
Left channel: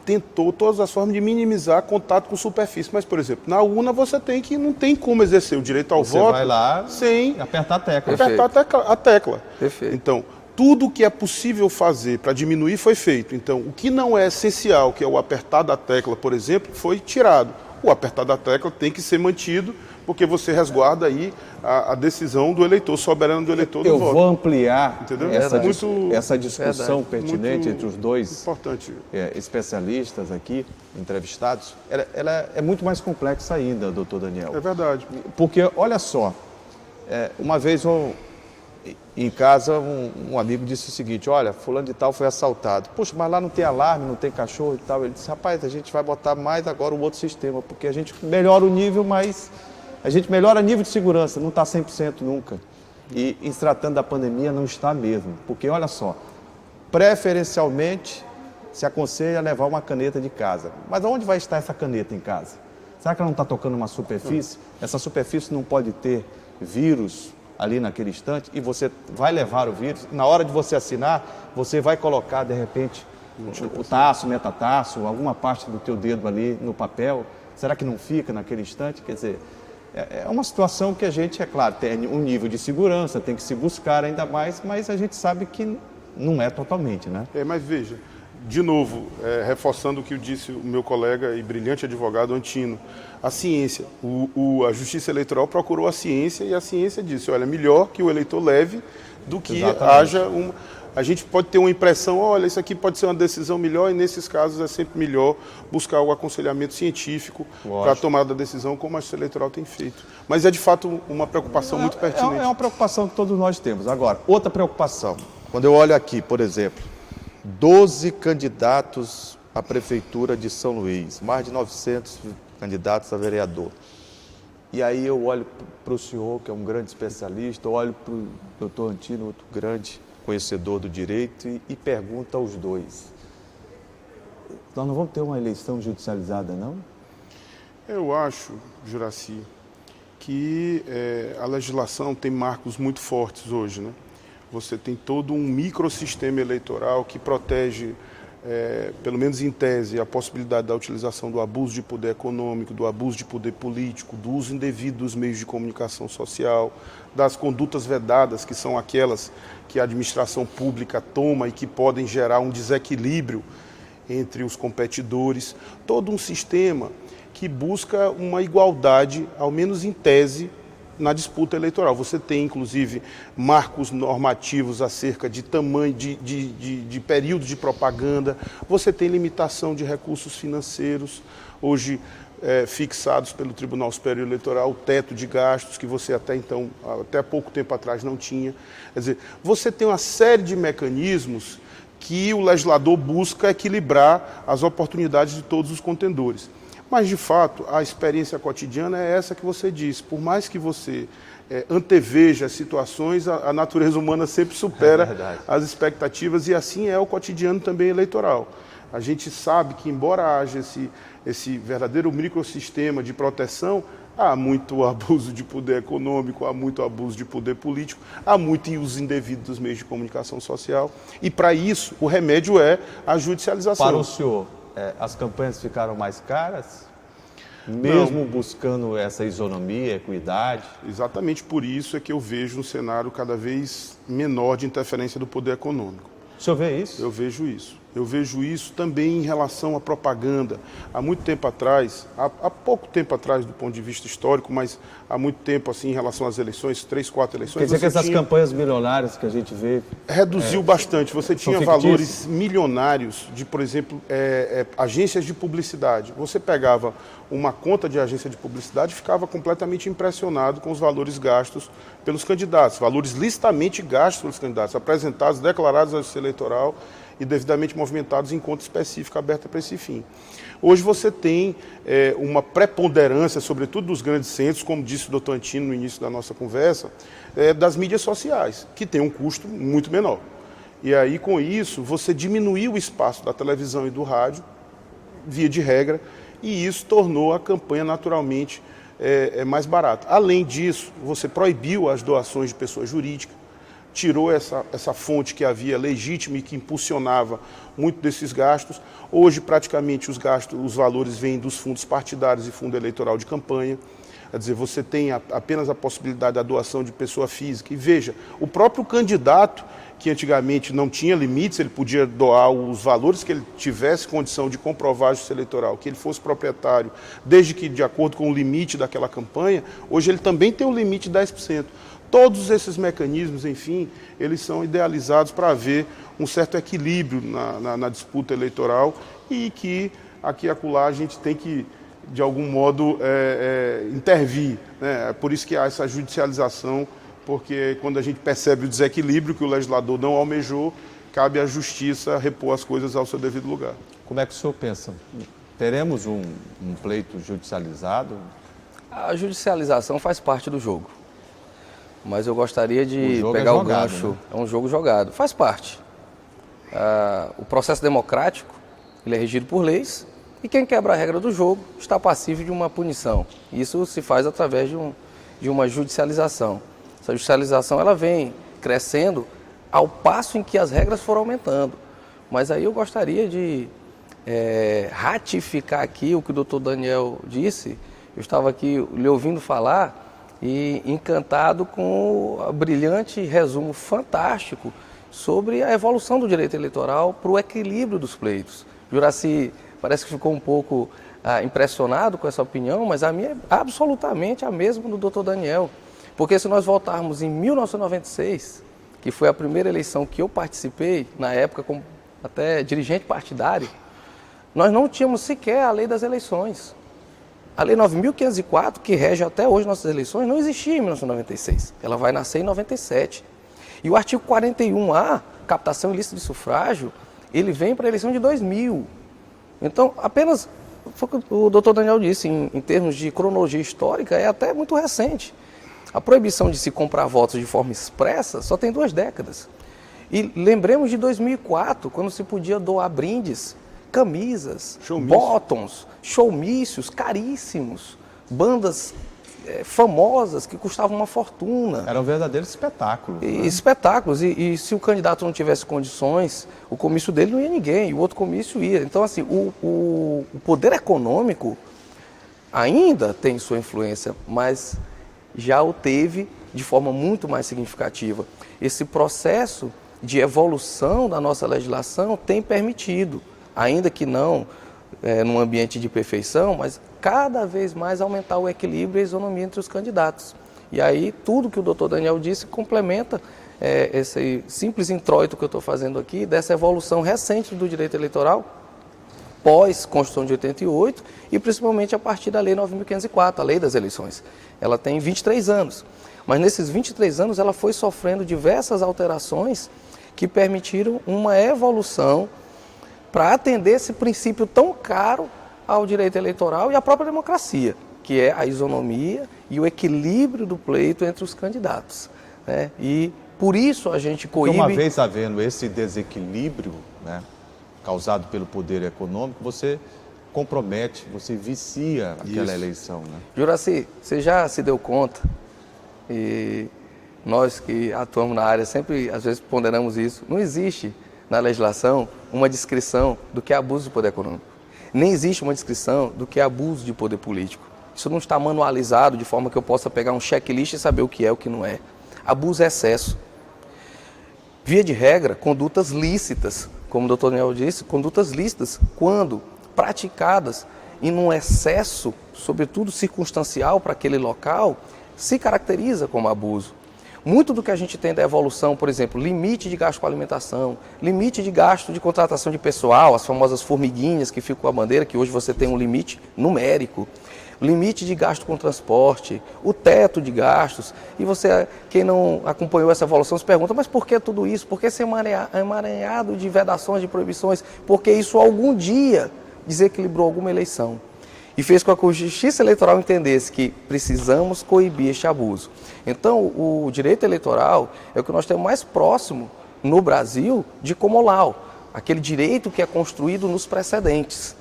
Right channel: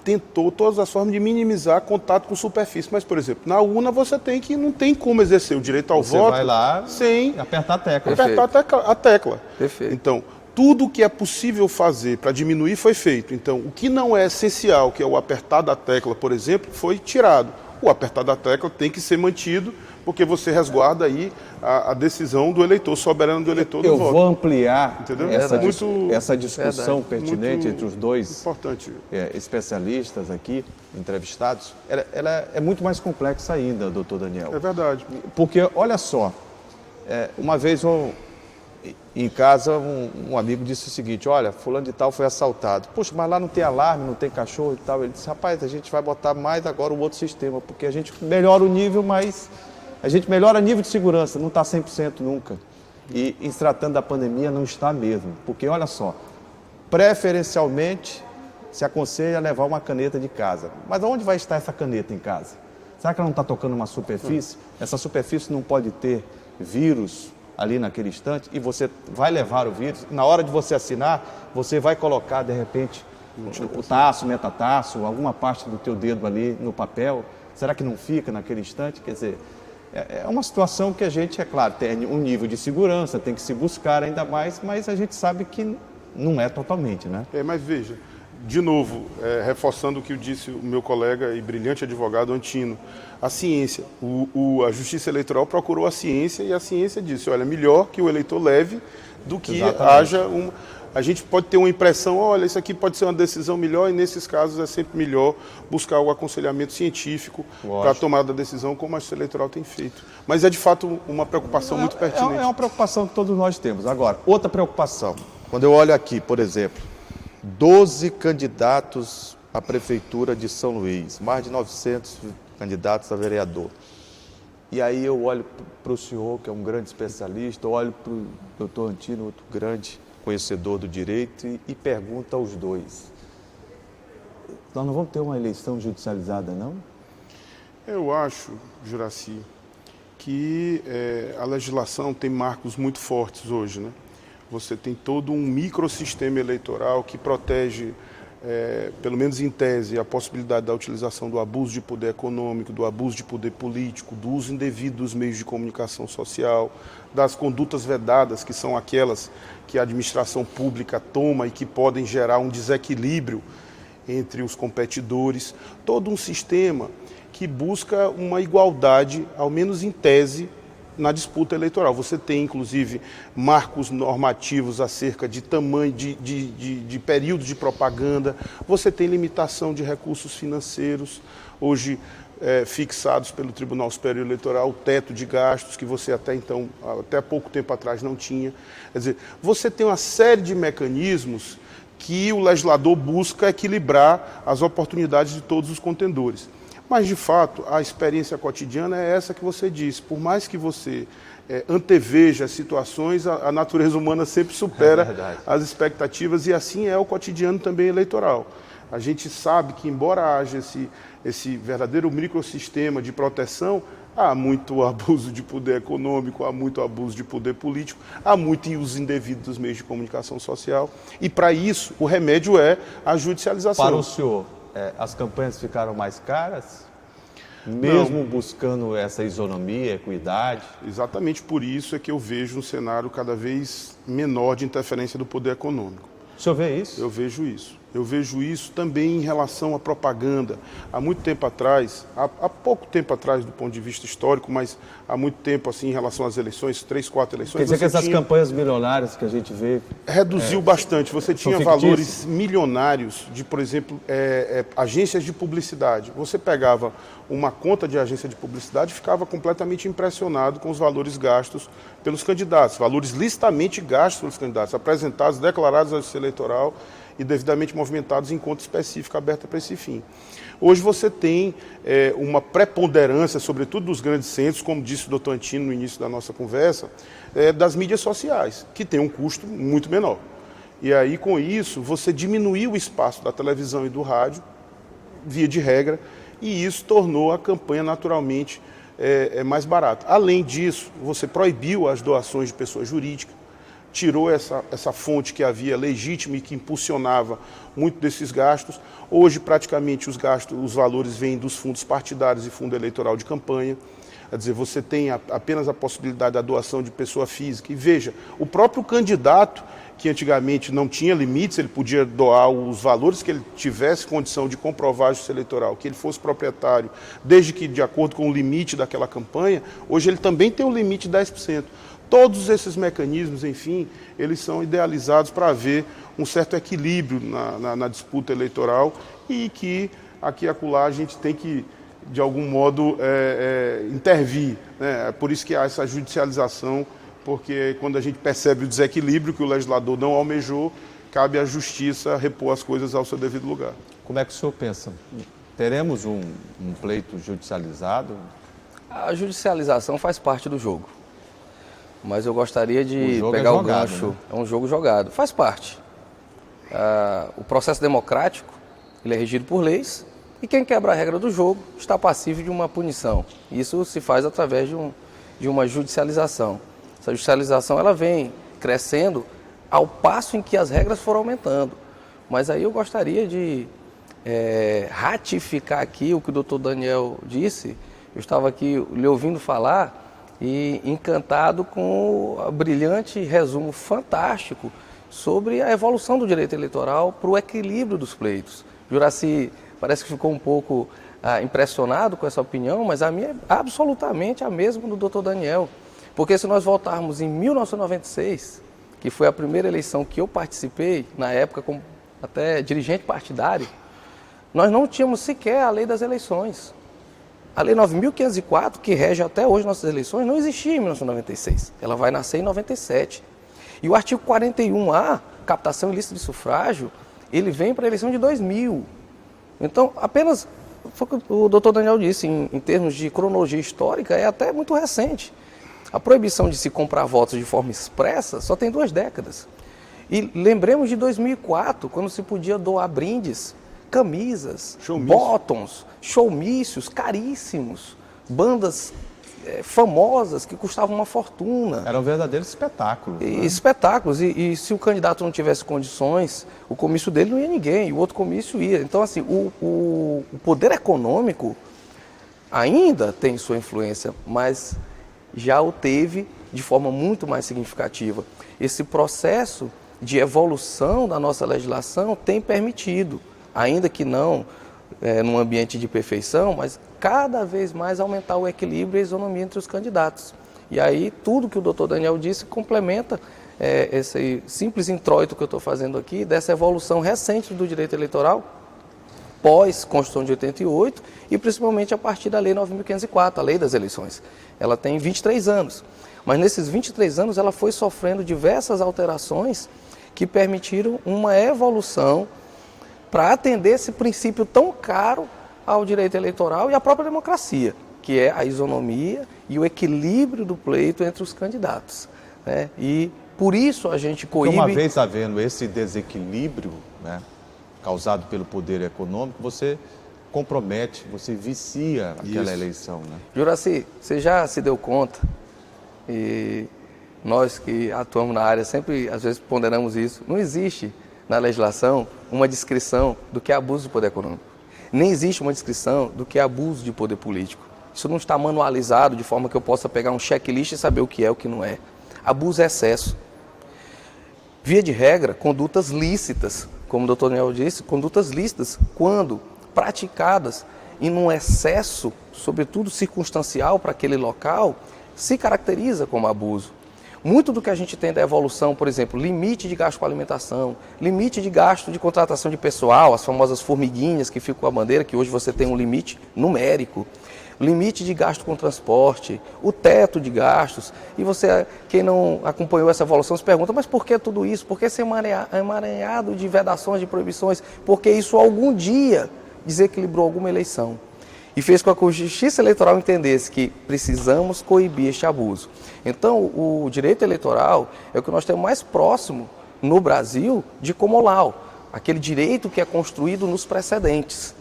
tentou todas as formas de minimizar contato com superfície. Mas, por exemplo, na urna você não tem como exercer o direito ao voto. Você vai lá sem apertar a tecla. Apertar a tecla. Perfeito. Então, tudo o que é possível fazer para diminuir foi feito. Então, o que não é essencial, que é o apertar da tecla, por exemplo, foi tirado. O apertar da tecla tem que ser mantido, porque você resguarda aí a decisão do eleitor, soberano do eleitor do Eu voto. vou ampliar Entendeu? essa discussão pertinente entre os dois Importante. especialistas aqui, entrevistados. Ela é muito mais complexa ainda, doutor Daniel. É verdade. Porque, olha só, uma vez em casa um amigo disse o seguinte: olha, fulano de tal foi assaltado. Poxa, mas lá não tem alarme, não tem cachorro e tal. Ele disse: rapaz, a gente vai botar mais agora um outro sistema, porque a gente melhora o nível, mas a gente melhora o nível de segurança, não está 100% nunca. E em se tratando da pandemia não está mesmo, porque olha só, preferencialmente se aconselha levar uma caneta de casa. Mas aonde vai estar essa caneta em casa? Será que ela não está tocando uma superfície? Essa superfície não pode ter vírus ali naquele instante e você vai levar o vírus. Na hora de você assinar, você vai colocar, de repente, o taço, metataço, alguma parte do teu dedo ali no papel. Será que não fica naquele instante? Quer dizer, é uma situação que a gente, é claro, tem um nível de segurança, tem que se buscar ainda mais, mas a gente sabe que não é totalmente, né? Mas veja, de novo, reforçando o que disse o meu colega e brilhante advogado Antino, a ciência, a Justiça Eleitoral procurou a ciência e a ciência disse: olha, melhor que o eleitor leve do que haja A gente pode ter uma impressão: olha, isso aqui pode ser uma decisão melhor, e nesses casos é sempre melhor buscar o aconselhamento científico para a tomada da decisão, como a Justiça Eleitoral tem feito. Mas é de fato uma preocupação muito pertinente. É uma preocupação que todos nós temos. Agora, outra preocupação, quando eu olho aqui, por exemplo, 12 candidatos à Prefeitura de São Luís, mais de 900 candidatos a vereador. E aí eu olho para o senhor, que é um grande especialista, olho para o doutor Antino, outro grande conhecedor do direito, e pergunto aos dois: nós não vamos ter uma eleição judicializada, não? Eu acho, Juraci, que a legislação tem marcos muito fortes hoje, né? Você tem todo um microsistema eleitoral que protege, pelo menos em tese, a possibilidade da utilização do abuso de poder econômico, do abuso de poder político, do uso indevido dos meios de comunicação social, das condutas vedadas, que são aquelas que a administração pública toma e que podem gerar um desequilíbrio entre os competidores. Todo um sistema que busca uma igualdade, ao menos em tese, na disputa eleitoral. Você tem, inclusive, marcos normativos acerca de tamanho, de período de propaganda. Você tem limitação de recursos financeiros, hoje fixados pelo Tribunal Superior Eleitoral, o teto de gastos que você até pouco tempo atrás não tinha. Quer dizer, você tem uma série de mecanismos que o legislador busca equilibrar as oportunidades de todos os contendores. Mas, de fato, a experiência cotidiana é essa que você disse. Por mais que você anteveja as situações, a natureza humana sempre supera as expectativas, e assim é o cotidiano também eleitoral. A gente sabe que, embora haja esse verdadeiro microsistema de proteção, há muito abuso de poder econômico, há muito abuso de poder político, há muito uso indevido dos meios de comunicação social, e para isso o remédio é a judicialização. Para o senhor, as campanhas ficaram mais caras? Mesmo buscando essa isonomia, equidade? Exatamente por isso é que eu vejo um cenário cada vez menor de interferência do poder econômico. O senhor vê isso? Eu vejo isso. Eu vejo isso também em relação à propaganda. Há muito tempo atrás, há pouco tempo atrás do ponto de vista histórico, mas há muito tempo assim em relação às eleições, 3, 4 eleições. Quer dizer que essas campanhas milionárias que a gente vê... Reduziu bastante. Você tinha valores milionários de, por exemplo, agências de publicidade. Você pegava uma conta de agência de publicidade e ficava completamente impressionado com os valores gastos pelos candidatos, valores licitamente gastos pelos candidatos, apresentados, declarados à Justiça Eleitoral e devidamente movimentados em conta específica aberta para esse fim. Hoje você tem uma preponderância, sobretudo dos grandes centros, como disse o doutor Antino no início da nossa conversa, das mídias sociais, que tem um custo muito menor. E aí, com isso, você diminuiu o espaço da televisão e do rádio, via de regra, e isso tornou a campanha naturalmente mais barata. Além disso, você proibiu as doações de pessoas jurídicas, tirou essa fonte que havia legítima e que impulsionava muito desses gastos. Hoje, praticamente, os valores vêm dos fundos partidários e fundo eleitoral de campanha. Quer dizer, você tem apenas a possibilidade da doação de pessoa física. E veja, o próprio candidato, que antigamente não tinha limites, ele podia doar os valores que ele tivesse condição de comprovar a justiça eleitoral, que ele fosse proprietário, desde que de acordo com o limite daquela campanha, hoje ele também tem um limite de 10%. Todos esses mecanismos, enfim, eles são idealizados para haver um certo equilíbrio na disputa eleitoral e que aqui e acolá a gente tem que, de algum modo, intervir, né? É por isso que há essa judicialização, porque quando a gente percebe o desequilíbrio que o legislador não almejou, cabe à justiça repor as coisas ao seu devido lugar. Como é que o senhor pensa? Teremos um pleito judicializado? A judicialização faz parte do jogo. Mas eu gostaria de pegar o gancho. Né? É um jogo jogado, faz parte. O processo democrático, ele é regido por leis, e quem quebra a regra do jogo está passível de uma punição. Isso se faz através de uma judicialização. Essa judicialização ela vem crescendo ao passo em que as regras foram aumentando. Mas aí eu gostaria de ratificar aqui o que o doutor Daniel disse. Eu estava aqui lhe ouvindo falar e encantado com o brilhante resumo fantástico sobre a evolução do direito eleitoral para o equilíbrio dos pleitos. Juraci parece que ficou um pouco impressionado com essa opinião, mas a minha é absolutamente a mesma do doutor Daniel. Porque se nós voltarmos em 1996, que foi a primeira eleição que eu participei, na época como até dirigente partidário, nós não tínhamos sequer a lei das eleições. A Lei 9.504, que rege até hoje nossas eleições, não existia em 1996. Ela vai nascer em 97. E o artigo 41A, captação ilícita de sufrágio, ele vem para a eleição de 2000. Então, apenas, foi o que o doutor Daniel disse, em termos de cronologia histórica, é até muito recente. A proibição de se comprar votos de forma expressa só tem 2 décadas. E lembremos de 2004, quando se podia doar brindes, camisas, bottoms, showmícios caríssimos, bandas famosas que custavam uma fortuna. Era um verdadeiro espetáculo. Né? Espetáculos. E se o candidato não tivesse condições, o comício dele não ia ninguém, o outro comício ia. Então, assim, o poder econômico ainda tem sua influência, mas já o teve de forma muito mais significativa. Esse processo de evolução da nossa legislação tem permitido, ainda que não num ambiente de perfeição, mas cada vez mais aumentar o equilíbrio e a isonomia entre os candidatos. E aí tudo que o doutor Daniel disse complementa esse simples introito que eu estou fazendo aqui, dessa evolução recente do direito eleitoral, pós-Constituição de 88 e principalmente a partir da Lei 9.504, a Lei das Eleições. Ela tem 23 anos, mas nesses 23 anos ela foi sofrendo diversas alterações que permitiram uma evolução para atender esse princípio tão caro ao direito eleitoral e à própria democracia, que é a isonomia e o equilíbrio do pleito entre os candidatos. Né? E por isso a gente coíbe... Uma vez havendo esse desequilíbrio, né, causado pelo poder econômico, você compromete, você vicia aquela eleição. Né? Juraci, você já se deu conta, e nós que atuamos na área sempre, às vezes, ponderamos isso, não existe na legislação uma descrição do que é abuso do poder econômico. Nem existe uma descrição do que é abuso de poder político. Isso não está manualizado de forma que eu possa pegar um checklist e saber o que é e o que não é. Abuso é excesso. Via de regra, condutas lícitas como o doutor Daniel disse, condutas lícitas, quando praticadas em um excesso, sobretudo circunstancial para aquele local, se caracteriza como abuso. Muito do que a gente tem da evolução, por exemplo, limite de gasto com alimentação, limite de gasto de contratação de pessoal, as famosas formiguinhas que ficam com a bandeira, que hoje você tem um limite numérico, limite de gasto com transporte, o teto de gastos, e você, quem não acompanhou essa evolução, se pergunta, mas por que tudo isso? Por que ser emaranhado de vedações, de proibições? Porque isso algum dia desequilibrou alguma eleição. E fez com que a Justiça Eleitoral entendesse que precisamos coibir este abuso. Então, o direito eleitoral é o que nós temos mais próximo no Brasil de common law, aquele direito que é construído nos precedentes.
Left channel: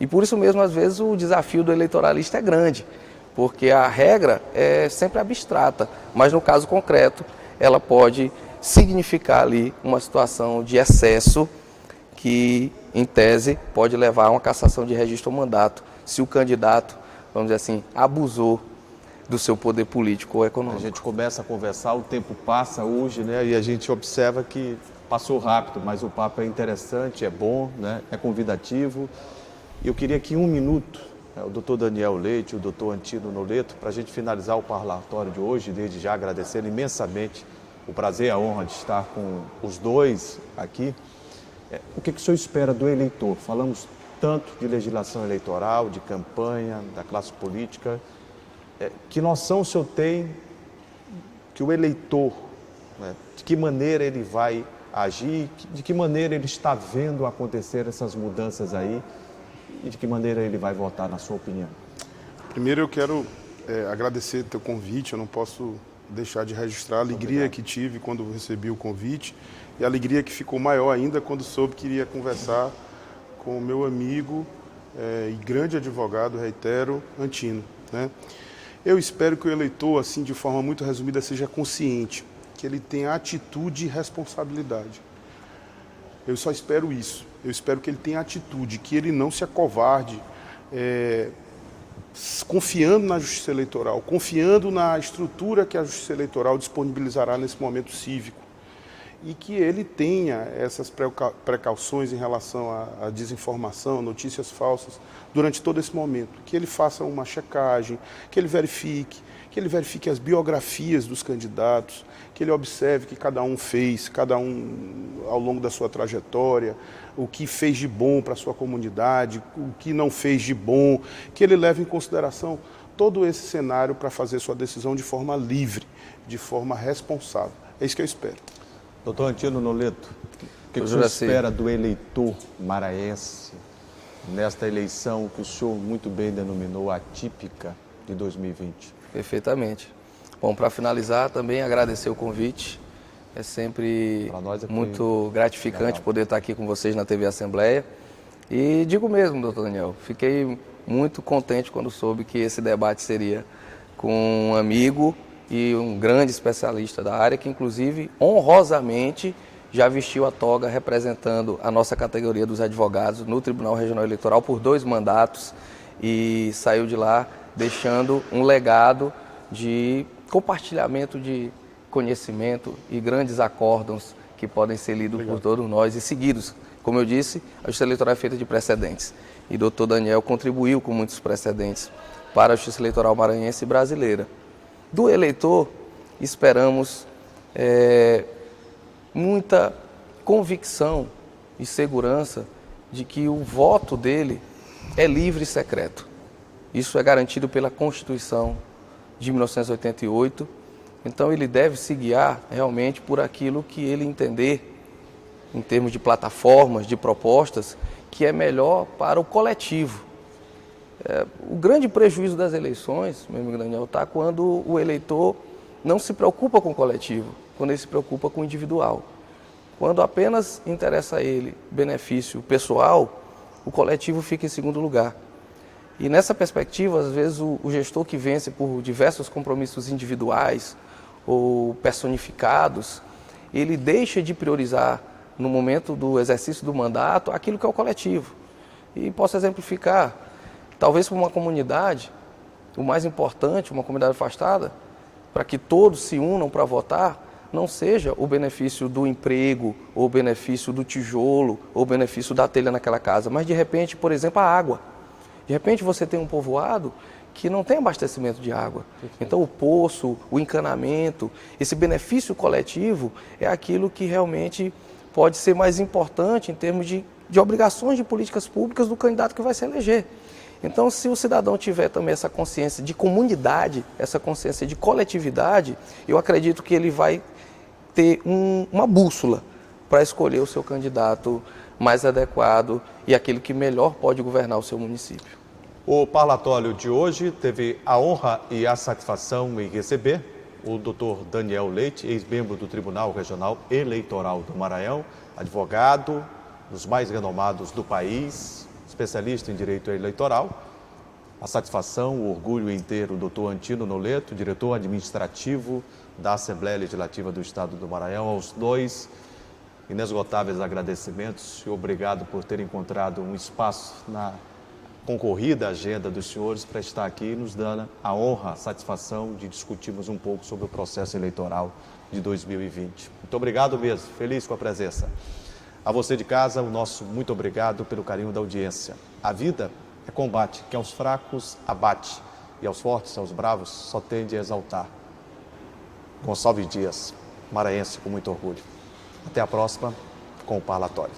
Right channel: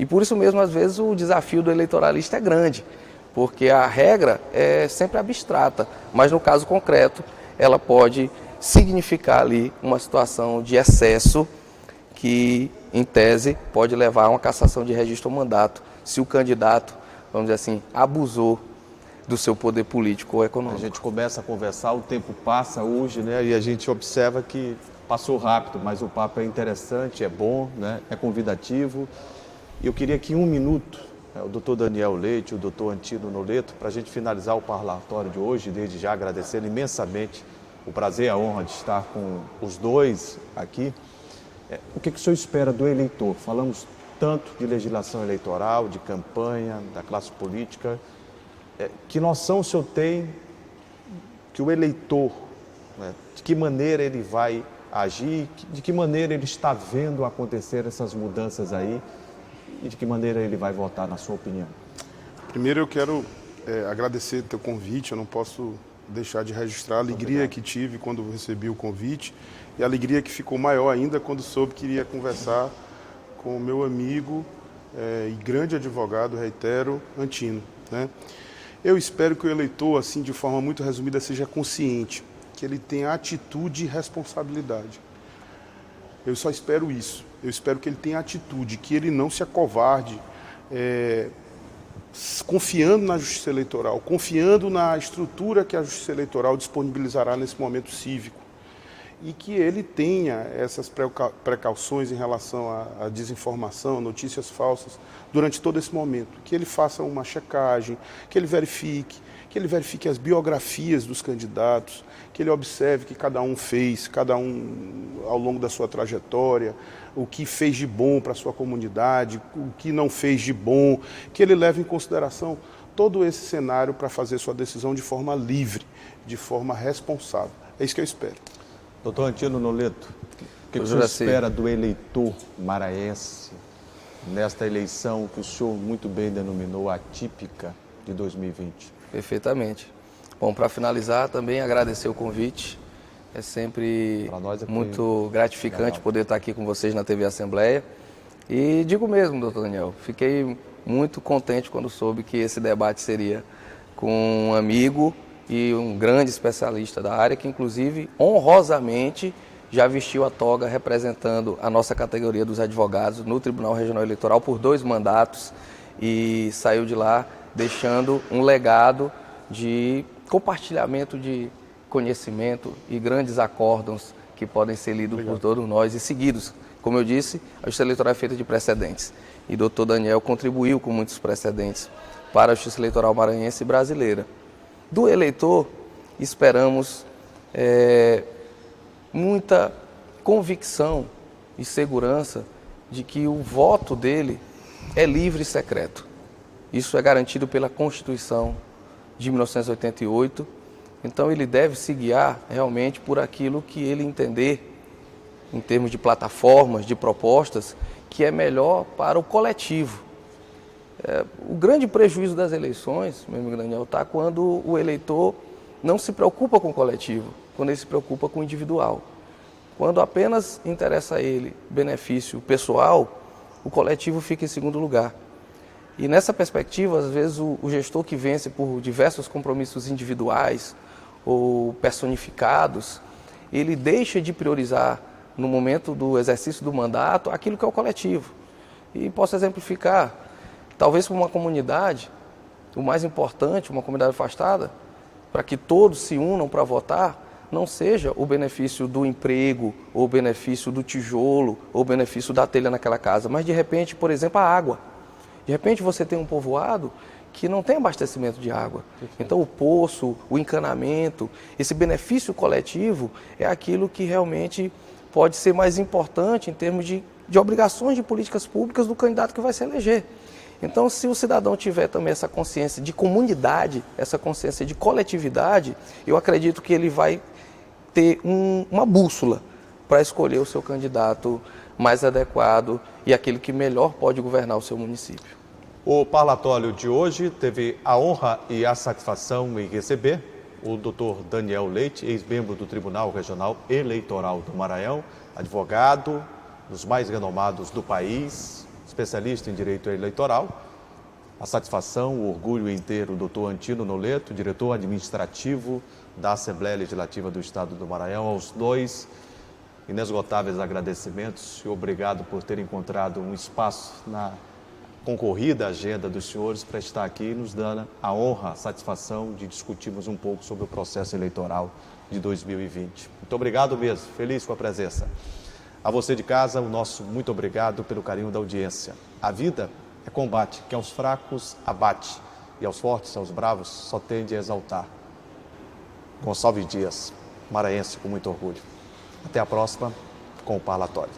E por isso mesmo, às vezes, o desafio do eleitoralista é grande, porque a regra é sempre abstrata, mas no caso concreto, ela pode significar ali uma situação de excesso que, em tese, pode levar a uma cassação de registro ou mandato, se o candidato, vamos dizer assim, abusou do seu poder político ou econômico. A gente começa a conversar, o tempo passa hoje, né? E a gente observa que passou rápido, mas o papo é interessante, é bom, né? É convidativo. E eu queria que em um minuto, o doutor Daniel Leite, o doutor Antino Noleto, para a gente finalizar o parlatório de hoje, desde já agradecendo imensamente o prazer e a honra de estar com os dois aqui. O que o senhor espera do eleitor? Falamos tanto de legislação eleitoral, de campanha, da classe política. Que noção o senhor tem que o eleitor, né, de que maneira ele vai agir, de que maneira ele está vendo acontecer essas mudanças aí e de que maneira ele vai votar, na sua opinião? Primeiro eu quero agradecer teu convite, eu não posso deixar de registrar a alegria que tive quando recebi o convite e a alegria que ficou maior ainda quando soube que iria conversar com o meu amigo e grande advogado, reitero, Antino, né? Eu espero que o eleitor, assim, de forma muito resumida, seja consciente, que ele tenha atitude e responsabilidade. Eu só espero isso. Eu espero que ele tenha atitude, que ele não se acovarde, confiando na Justiça Eleitoral, confiando na estrutura que a Justiça Eleitoral disponibilizará nesse momento cívico. E que ele tenha essas precauções em relação à desinformação, notícias falsas, durante todo esse momento. Que ele faça uma checagem, que ele verifique as biografias dos candidatos, que ele observe que cada um fez, cada um ao longo da sua trajetória, o que fez de bom para a sua comunidade, o que não fez de bom, que ele leve em consideração todo esse cenário para fazer sua decisão de forma livre, de forma responsável. É isso que eu espero. Doutor Antino Noleto, o que o senhor espera do eleitor maranhense nesta eleição que o senhor muito bem denominou atípica de 2020? Perfeitamente. Bom, para finalizar, também agradecer o convite. É sempre muito gratificante poder estar aqui com vocês na TV Assembleia. E digo mesmo, doutor Daniel, fiquei muito contente quando soube que esse debate seria com um amigo e um grande especialista da área, que inclusive honrosamente já vestiu a toga representando a nossa categoria dos advogados no Tribunal Regional Eleitoral por 2 mandatos e saiu de lá deixando um legado de compartilhamento de conhecimento e grandes acórdãos que podem ser lidos por todos nós e seguidos. Como eu disse, a Justiça Eleitoral é feita de precedentes e o doutor Daniel contribuiu com muitos precedentes para a Justiça Eleitoral maranhense e brasileira. Do eleitor, esperamos muita convicção e segurança de que o voto dele é livre e secreto. Isso é garantido pela Constituição de 1988, então ele deve se guiar realmente por aquilo que ele entender, em termos de plataformas, de propostas, que é melhor para o coletivo. O grande prejuízo das eleições, meu amigo Daniel, está quando o eleitor não se preocupa com o coletivo, quando ele se preocupa com o individual. Quando apenas interessa a ele benefício pessoal, o coletivo fica em segundo lugar. E nessa perspectiva, às vezes, o gestor que vence por diversos compromissos individuais ou personificados, ele deixa de priorizar, no momento do exercício do mandato, aquilo que é o coletivo. E posso exemplificar. Talvez para uma comunidade, o mais importante, uma comunidade afastada, para que todos se unam para votar, não seja o benefício do emprego, ou o benefício do tijolo, ou o benefício da telha naquela casa, mas de repente, por exemplo, a água. De repente você tem um povoado que não tem abastecimento de água. Então o poço, o encanamento, esse benefício coletivo é aquilo que realmente pode ser mais importante em termos de obrigações de políticas públicas do candidato que vai se eleger. Então, se o cidadão tiver também essa consciência de comunidade, essa consciência de coletividade, eu acredito que ele vai ter uma bússola para escolher o seu candidato mais adequado e aquele que melhor pode governar o seu município. O parlatório de hoje teve a honra e a satisfação em receber o Dr. Daniel Leite, ex-membro do Tribunal Regional Eleitoral do Maranhão, advogado, dos mais renomados do país, especialista em direito eleitoral. A satisfação, o orgulho inteiro do Dr. Antino Noleto, diretor administrativo da Assembleia Legislativa do Estado do Maranhão. Aos dois, inesgotáveis agradecimentos e obrigado por ter encontrado um espaço na concorrida agenda dos senhores para estar aqui nos dando a honra, a satisfação de discutirmos um pouco sobre o processo eleitoral de 2020. Muito obrigado mesmo, feliz com a presença. A você de casa, o nosso muito obrigado pelo carinho da audiência. A vida é combate, que aos fracos abate, e aos fortes, aos bravos, só tende a exaltar. Gonçalves Dias, maranhense com muito orgulho. Até a próxima com o parlatório.